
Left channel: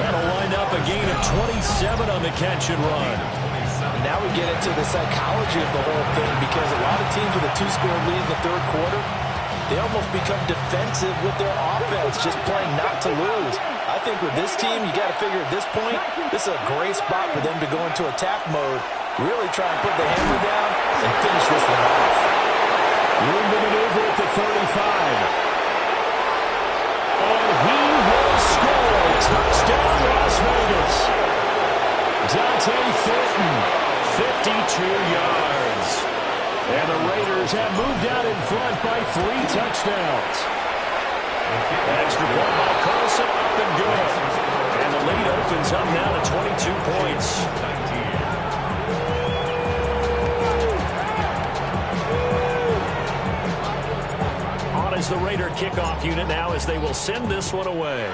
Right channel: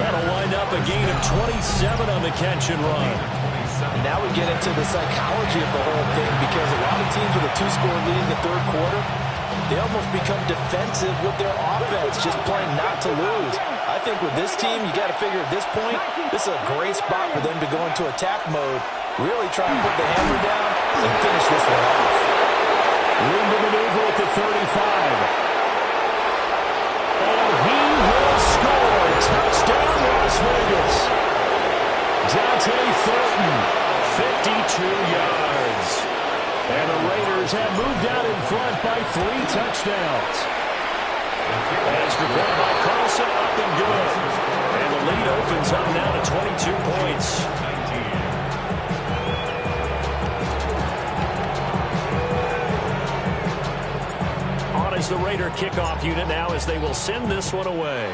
That'll wind up a gain of 27 on the catch and run. And now we get into the psychology of the whole thing, because a lot of teams with a 2-score lead in the third quarter, they almost become defensive with their offense, just playing not to lose. I think with this team, you got to figure at this point, this is a great spot for them to go into attack mode, really try and put the hammer down and finish this one off. Room to maneuver at the 35. And he will score. Touchdown, Las Vegas. Dante Thornton, 52 yards. And the Raiders have moved out in front by 3 touchdowns. Extra point by Carlson, up and good. And the lead opens up now to 22 points. On is the Raider kickoff unit now, as they will send this one away.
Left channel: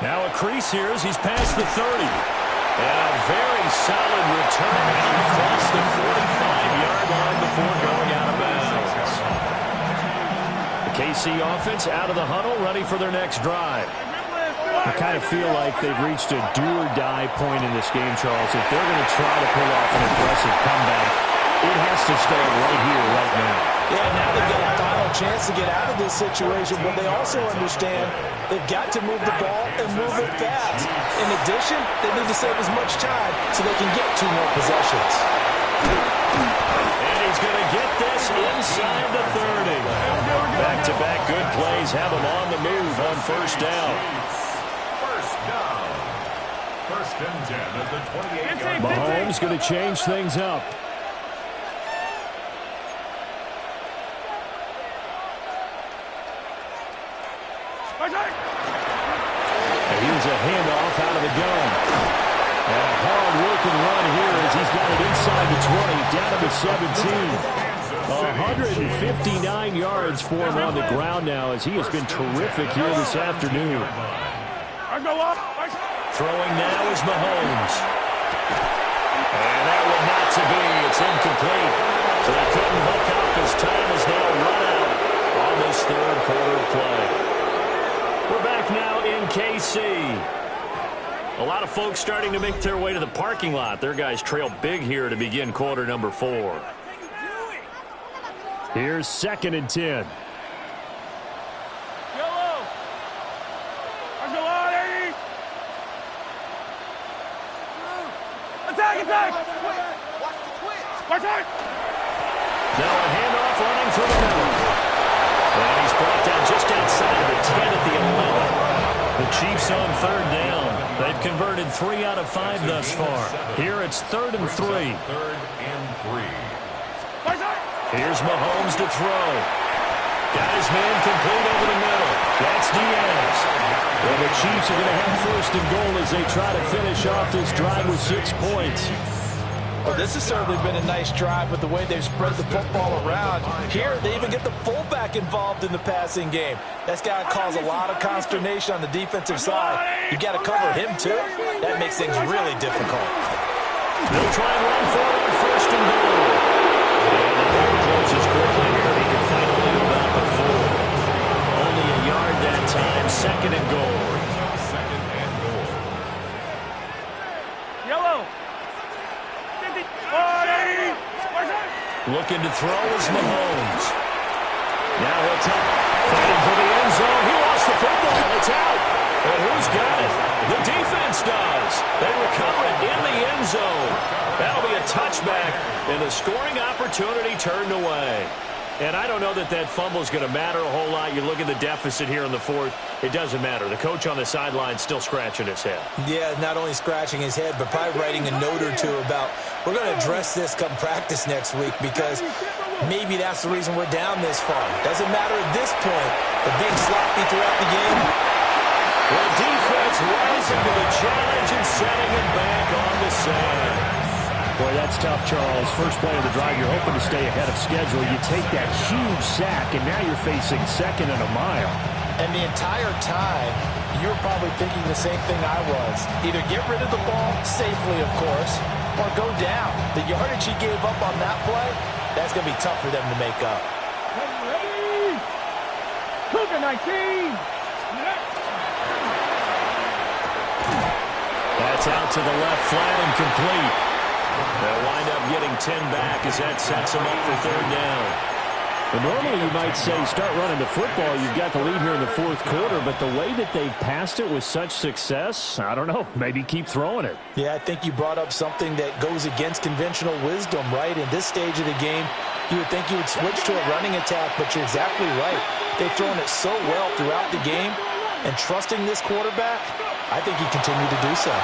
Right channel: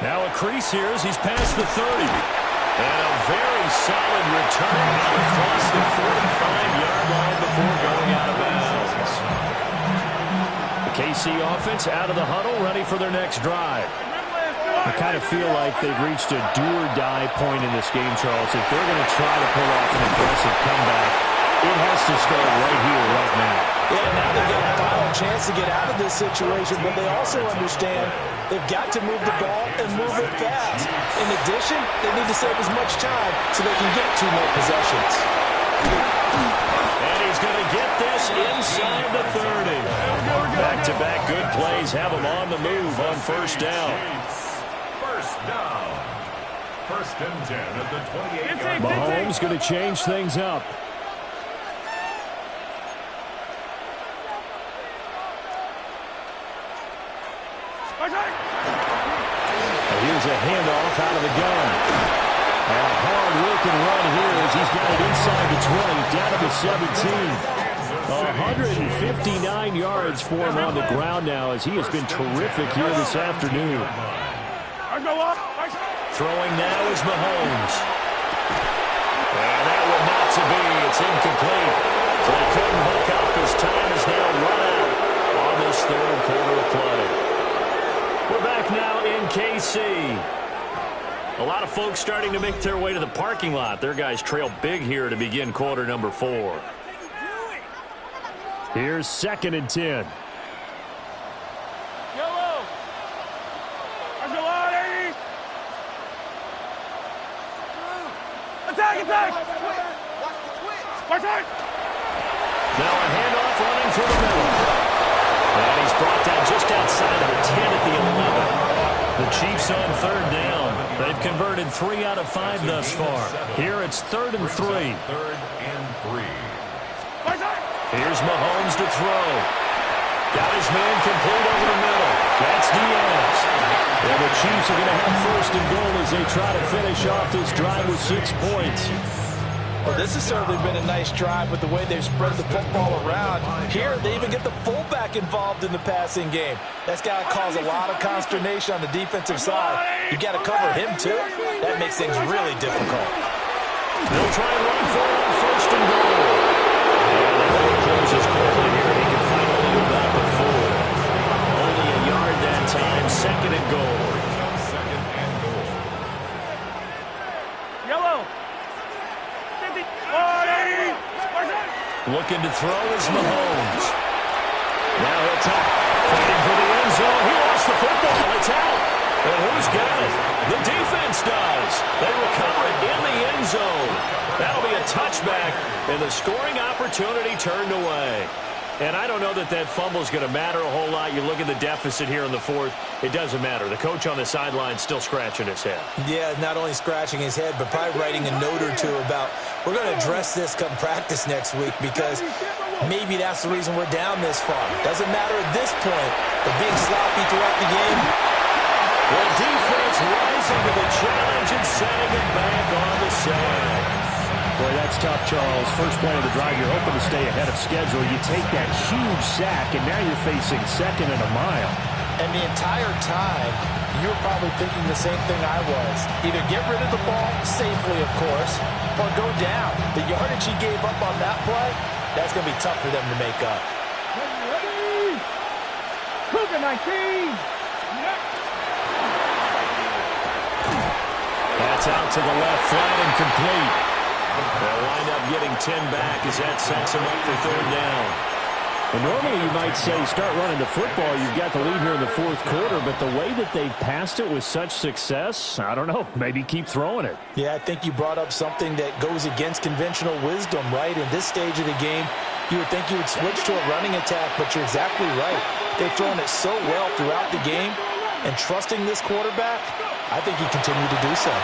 Now a crease here as he's past the 30. And a very solid return out across the 45-yard line before going out of bounds. The KC offense out of the huddle, ready for their next drive. I kind of feel like they've reached a do-or-die point in this game, Charles. If they're going to try to pull off an impressive comeback, it has to start right here, right now. Yeah, now they've got a final chance to get out of this situation, but they also understand they've got to move the ball and move it fast. In addition, they need to save as much time so they can get 2 more possessions. And he's going to get this inside the 30. Back-to-back good plays have him on the move on first down. First down. 1st and 10 at the 28-yard line. Mahomes going to change things up. And here's a handoff out of the gun. And a hard-working run here as he's got it inside the 20, down to the 17. 159 yards for him on the ground now, as he has been terrific here this afternoon. Throwing now is Mahomes. And that one not to be. It's incomplete. So they couldn't hook up as time is now run out on this third quarter of play. We're back now in KC. A lot of folks starting to make their way to the parking lot. Their guys trail big here to begin quarter number 4. Here's 2nd and 10. Yellow. Let's go on, 80. Attack, attack. Watch out. Now a handoff running through the middle. And he's brought down just outside of the 10 at the 11. The Chiefs on 3rd down. They've converted 3 out of 5 thus far. Here it's 3rd and 3. 3rd and 3. Here's Mahomes to throw. Got his man complete over the middle. That's Diaz. And the Chiefs are going to have 1st and goal as they try to finish off this drive with 6 points. Well, this has certainly been a nice drive with the way they've spread the football around. Here, they even get the fullback involved in the passing game. That's got to cause a lot of consternation on the defensive side. You got to cover him, too. That makes things really difficult. They'll try and run for it on 1st and goal. And the hole closes quickly here. He can fight only about the 4. Only a yard that time. 2nd and goal. Yellow. Looking to throw is Mahomes. Now he'll top, fighting for the end zone. He lost the football. It's out. And who's got it? The defense does. They recover it in the end zone. That'll be a touchback, and the scoring opportunity turned away. And I don't know that that fumble is going to matter a whole lot. You look at the deficit here in the fourth. It doesn't matter. The coach on the sideline still scratching his head. Yeah, not only scratching his head, but probably writing a note or two about we're going to address this come practice next week because maybe that's the reason we're down this far. Doesn't matter at this point, but being sloppy throughout the game. The defense rising to the challenge and setting it back on the side. Boy, that's tough, Charles. First play of the drive, you're hoping to stay ahead of schedule. You take that huge sack, and now you're facing second and a mile. And the entire time, you were probably thinking the same thing I was. Either get rid of the ball, safely, of course, or go down. The yardage he gave up on that play, that's going to be tough for them to make up. Ready? Cougar 19. That's out to the left, flat and complete. They'll wind up getting 10 back as that sets them up for third down. Well, normally you might say start running the football. You've got the lead here in the fourth quarter, but the way that they've passed it with such success, I don't know, maybe keep throwing it. Yeah, I think you brought up something that goes against conventional wisdom, right? In this stage of the game, you would think you would switch to a running attack, but you're exactly right. They've thrown it so well throughout the game, and trusting this quarterback, I think he continued to do so.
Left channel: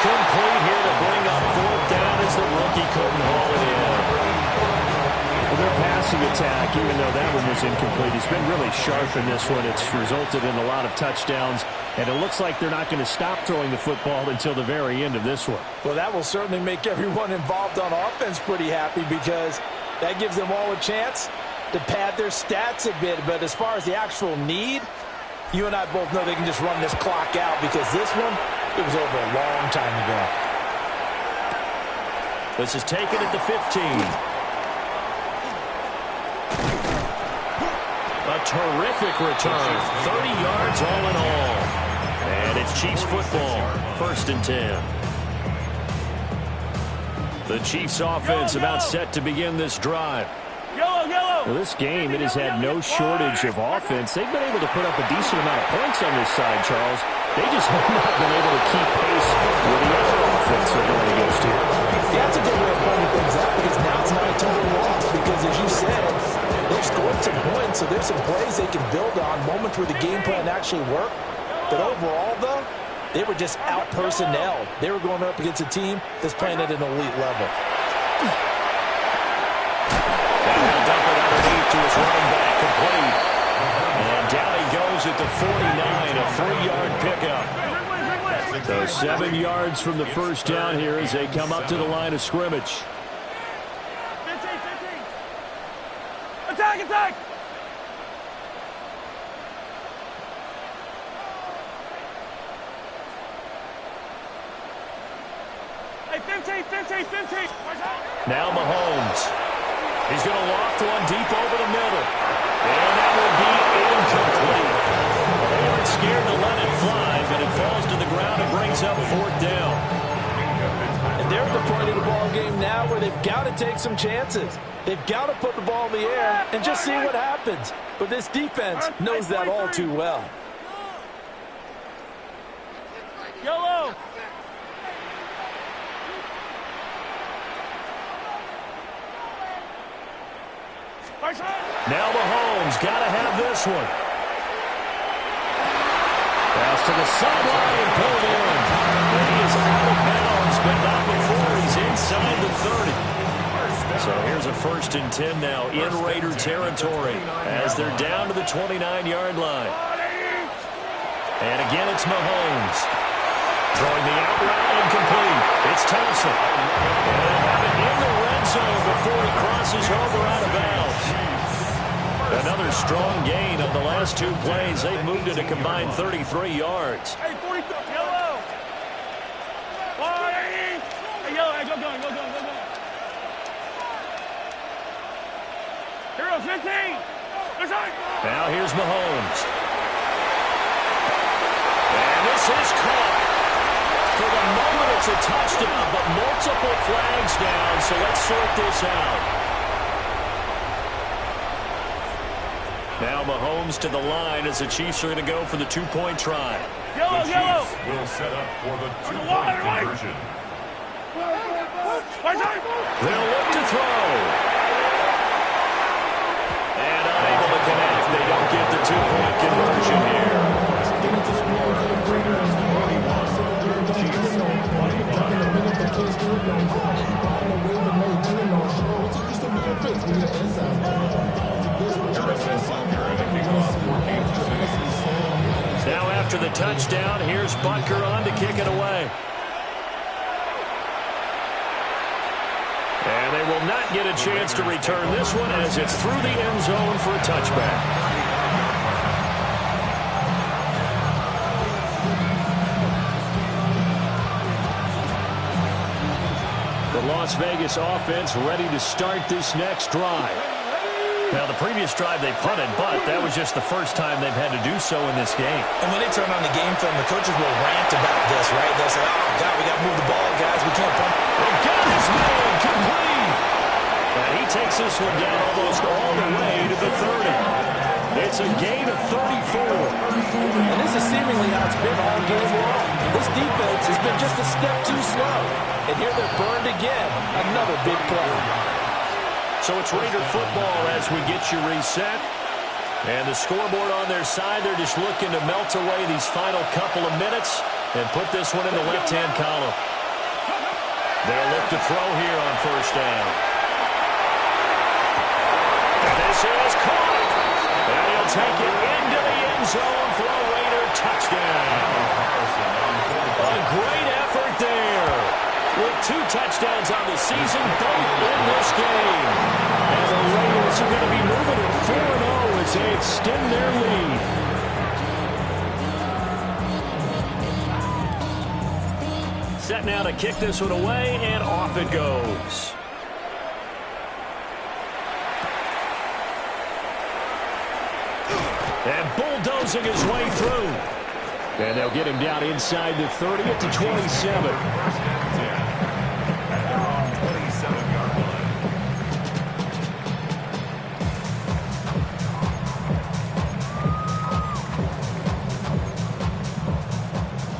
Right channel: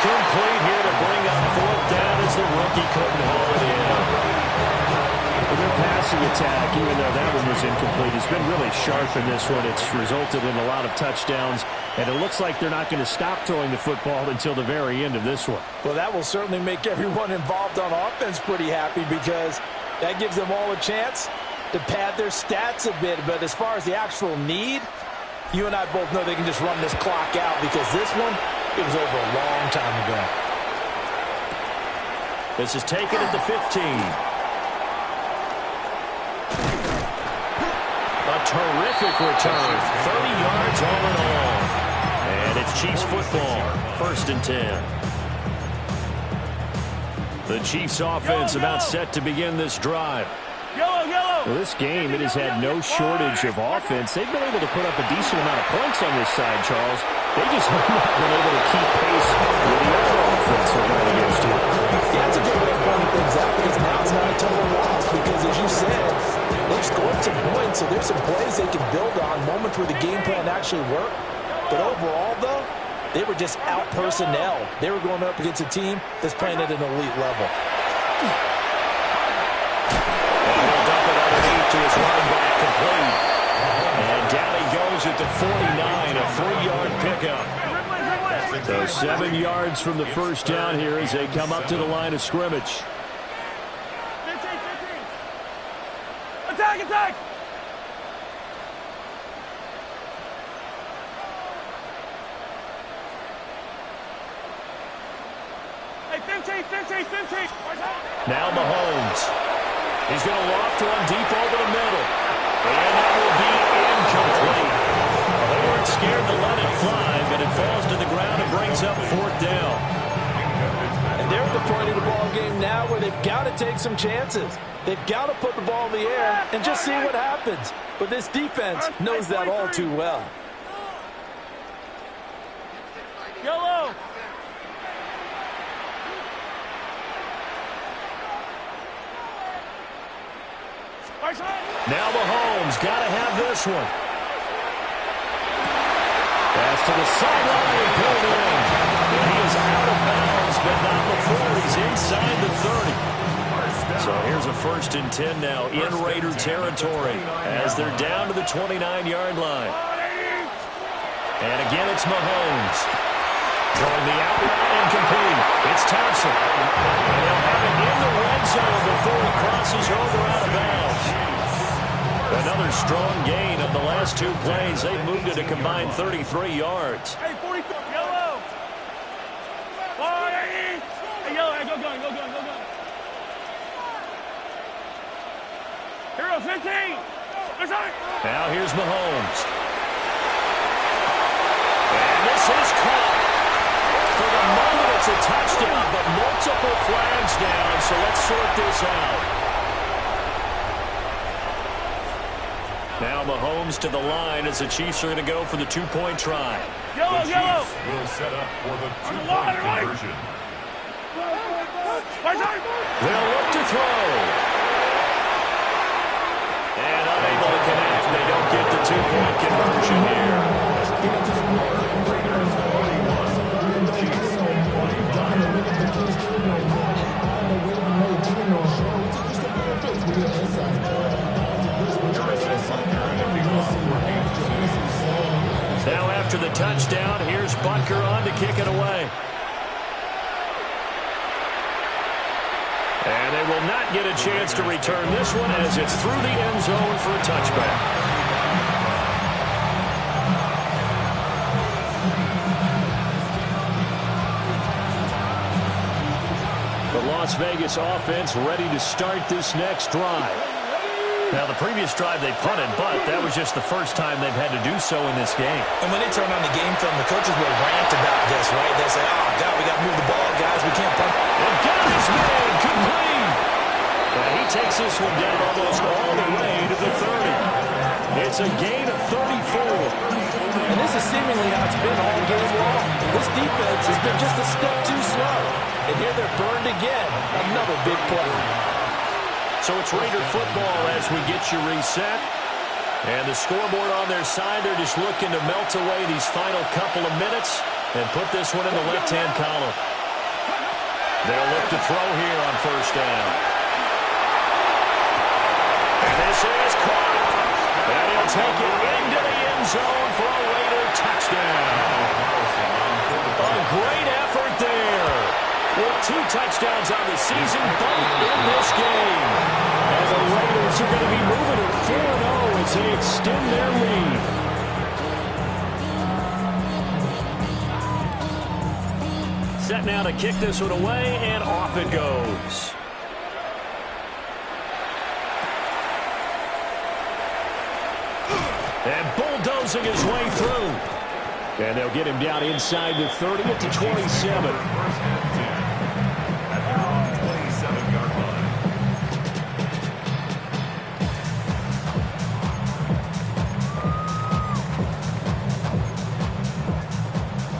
Complete here to bring up fourth down as the rookie couldn't haul it in. Well, their passing attack, even though that one was incomplete, has been really sharp in this one. It's resulted in a lot of touchdowns, and it looks like they're not going to stop throwing the football until the very end of this one. Well, that will certainly make everyone involved on offense pretty happy because that gives them all a chance to pad their stats a bit. But as far as the actual need, you and I both know they can just run this clock out because this one, it was over a long time ago. This is taken at the 15. A terrific return. 30 yards all in all. And it's Chiefs football. First and 10. The Chiefs offense about set to begin this drive. Well, this game, it has had no shortage of offense. They've been able to put up a decent amount of points on this side, Charles. They just have not been able to keep pace with the other offense they're going against here. Yeah, that's a good way of pointing things out because now it's not a total loss because, as you said, they've scored some points, so there's some plays they can build on, moments where the game plan actually worked. But overall, though, they were just out-personnelled. They were going up against a team that's playing at an elite level. And he'll dump it underneath to his running back, complete. And down he goes at the 49, a 3-yard pickup. So 7 yards from the first down here as they come up to the line of scrimmage. 15. Attack! Hey, 15. Now Mahomes. He's going to loft one deep over the middle. And that will be incomplete. Well, they weren't scared to let it fly, but it falls to the ground and brings up fourth down. And they're at the point of the ball game now where they've got to take some chances. They've got to put the ball in the air and just see what happens. But this defense knows that all too well. Yellow. Now Mahomes got to have this one. Pass to the sideline and pulled in. And he is out of bounds, but not before he's inside the 30. So here's a 1st and 10 now in Raider territory as they're down to the 29-yard line. And again, it's Mahomes. Throwing the out route incomplete. It's Thompson. And he'll have it in the red zone before he crosses over out of bounds. Another strong gain on the last 2 plays. They've moved it a combined 33 yards. Hey, 43. Yellow. Hey, yellow. Hey, go going. Hero 15. Now here's Mahomes. And this is caught. It's a touchdown, but multiple flags down, so let's sort this out. Now Mahomes to the line as the Chiefs are going to go for the two-point try. The Chiefs will set up for the two-point conversion. They'll look to throw. And unable to connect. They don't get the two-point conversion here. The score, Raiders 21, Chiefs 25. Now after the touchdown, here's Butker on to kick it away. And they will not get a chance to return this one as it's through the end zone for a touchback. The Las Vegas offense ready to start this next drive. Now, the previous drive they punted, but that was just the first time they've had to do so in this game. And when they turn on the game film, the coaches will rant about this, right? They'll say, oh, God, we got to move the ball, guys. We can't punt. And got his man complete. And he takes this one down almost all the way to the 30. It's a gain of 34. And this is seemingly how it's been all game long. This defense has been just a step too slow. And here they're burned again. Another big play. So it's Raider football as we get you reset. And the scoreboard on their side, they're just looking to melt away these final couple of minutes and put this one in the left-hand column. They'll look to throw here on first down. And this is caught. And he'll take it into the end zone for a Raider touchdown. A great effort there. With 2 touchdowns on the season, both in this game. And the Raiders are going to be moving to 4-0 as they extend their lead. Set now to kick this one away, and off it goes. And bulldozing his way through. And they'll get him down inside the 30 at the 27. First and 10 at their own 27-yard line.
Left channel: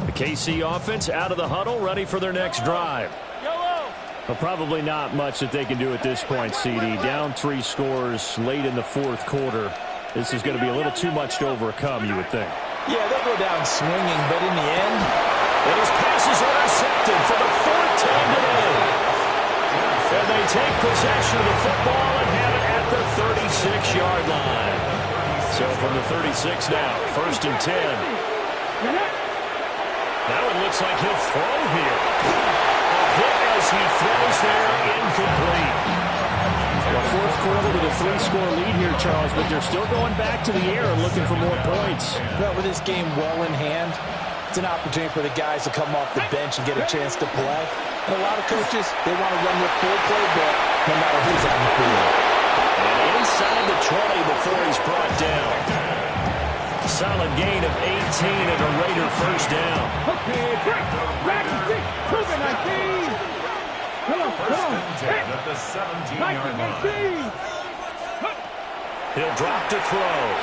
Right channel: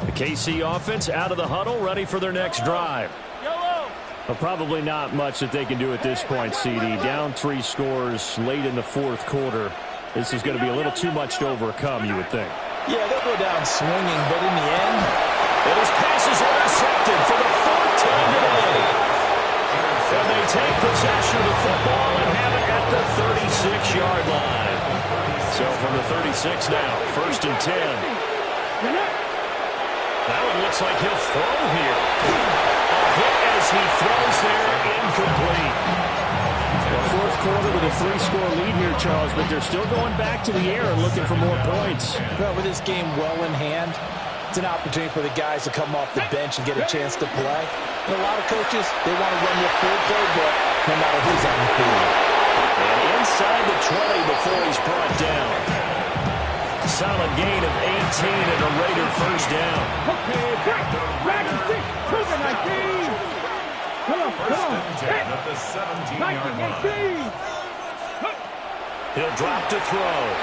The KC offense out of the huddle, ready for their next drive. Well, probably not much that they can do at this point, CD. Down 3 scores late in the fourth quarter. This is going to be a little too much to overcome, you would think. Yeah, they'll go down swinging, but in the end, and his pass is intercepted for the 4th time today. And they take possession of the football and have it at the 36-yard line. So from the 36 now, 1st and 10. That one looks like he'll throw here. A hit as he throws there, incomplete. The fourth quarter with a 3-score lead here, Charles, but they're still going back to the air and looking for more points. Well, with this game well in hand, it's an opportunity for the guys to come off the bench and get a chance to play. And a lot of coaches, they want to run their full playbook no matter who's on the field. And inside the 20 before he's brought down. Solid gain of 18 and a Raider first down. Okay, back and 6, 19. First and 10 at the 17-yard line. He'll drop to throw.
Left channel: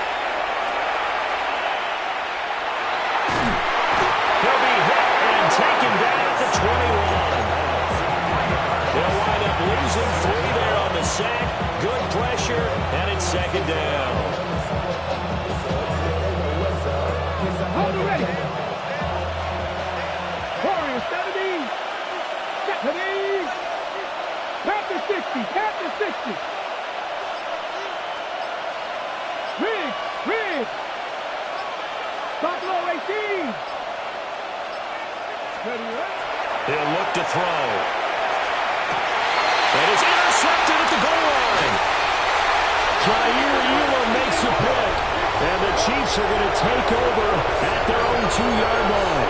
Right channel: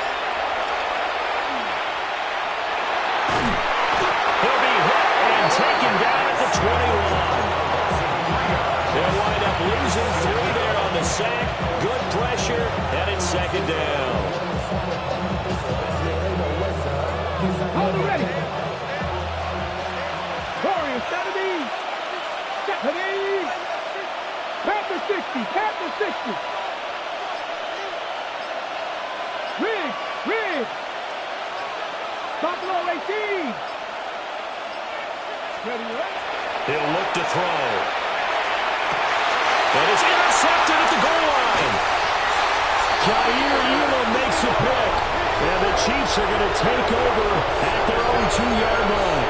He'll be hit and taken down at the 21. They'll wind up losing 3 there on the sack. Good pressure, and it's 2nd down. Hold it ready. Warriors, 70. 70. Tap the 60. Tap the 60. Riggs. Buffalo 18. Ready, right? He'll look to throw. And it's intercepted at the goal line. Jair Elam makes a pick. And the Chiefs are going to take over at their own 2-yard line.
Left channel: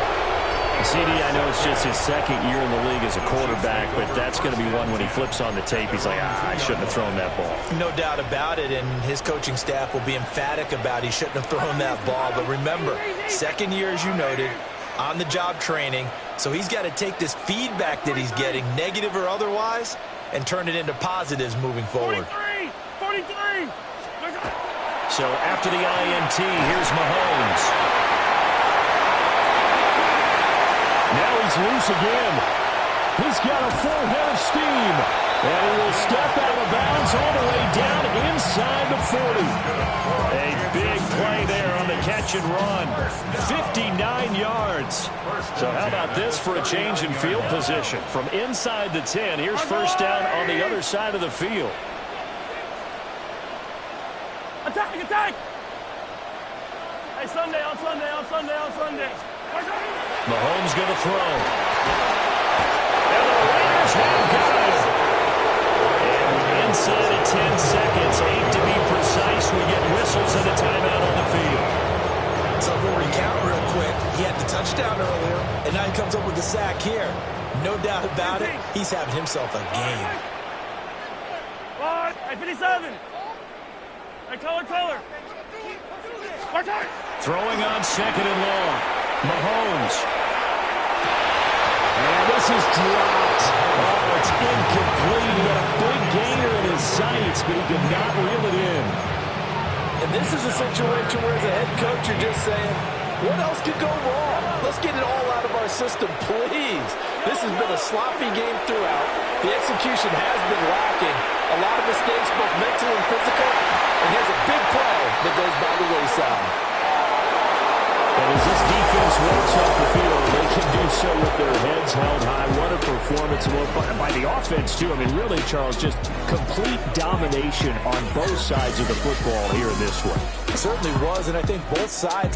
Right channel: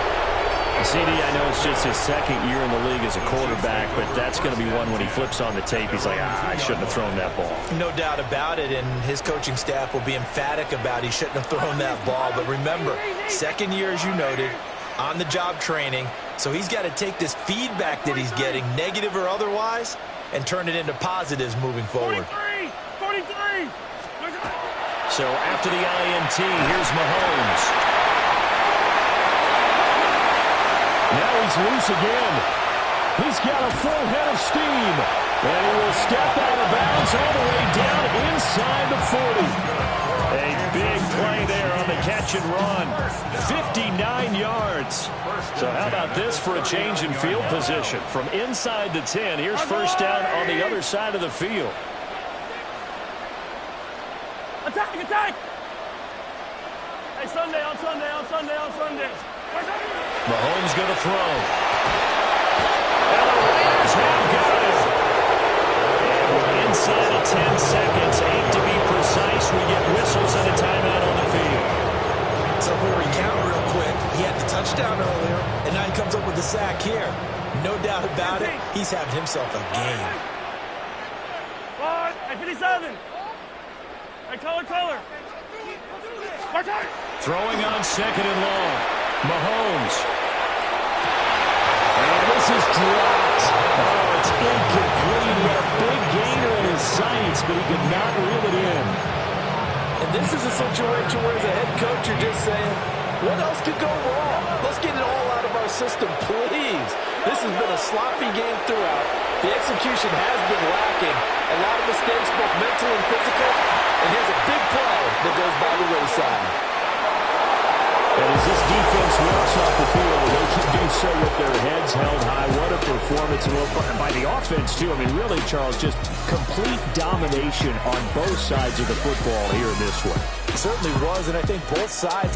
CD, I know it's just his 2nd year in the league as a quarterback, but that's going to be one when he flips on the tape. He's like, I shouldn't have thrown that ball. No doubt about it, and his coaching staff will be emphatic about he shouldn't have thrown that ball. But remember, 2nd year, as you noted, on-the-job training, so he's got to take this feedback that he's getting, negative or otherwise, and turn it into positives moving forward. 43! So after the INT, here's Mahomes. Now he's loose again. He's got a full head of steam. And he will step out of bounds all the way down inside the 40. A big play there on the catch and run. 59 yards. So how about this for a change in field position? From inside the 10, here's first down on the other side of the field. Attack! Hey, Sunday. Mahomes going to throw. And the Raiders have got it. And with inside of 10 seconds, 8 to be precise, we get whistles and a timeout on the field. So if we recount real quick, he had the touchdown earlier, and now he comes up with the sack here. No doubt about it, he's having himself a game. Hey, 57. Hey, color. Throwing on second and long. Mahomes. And this is dropped. Oh, it's incomplete. He had a big gainer in his sights, but he could not reel it in. And this is a situation where as a head coach, you're just saying, what else could go wrong? Let's get it all out of our system, please. This has been a sloppy game throughout. The execution has been lacking. A lot of mistakes, both mental and physical. And here's a big play that goes by the wayside. And as this defense walks off the field, they can do so with their heads held high. What a performance by the offense, too. I mean, really, Charles, just complete domination on both sides of the football here in this one. It certainly was, and I think both sides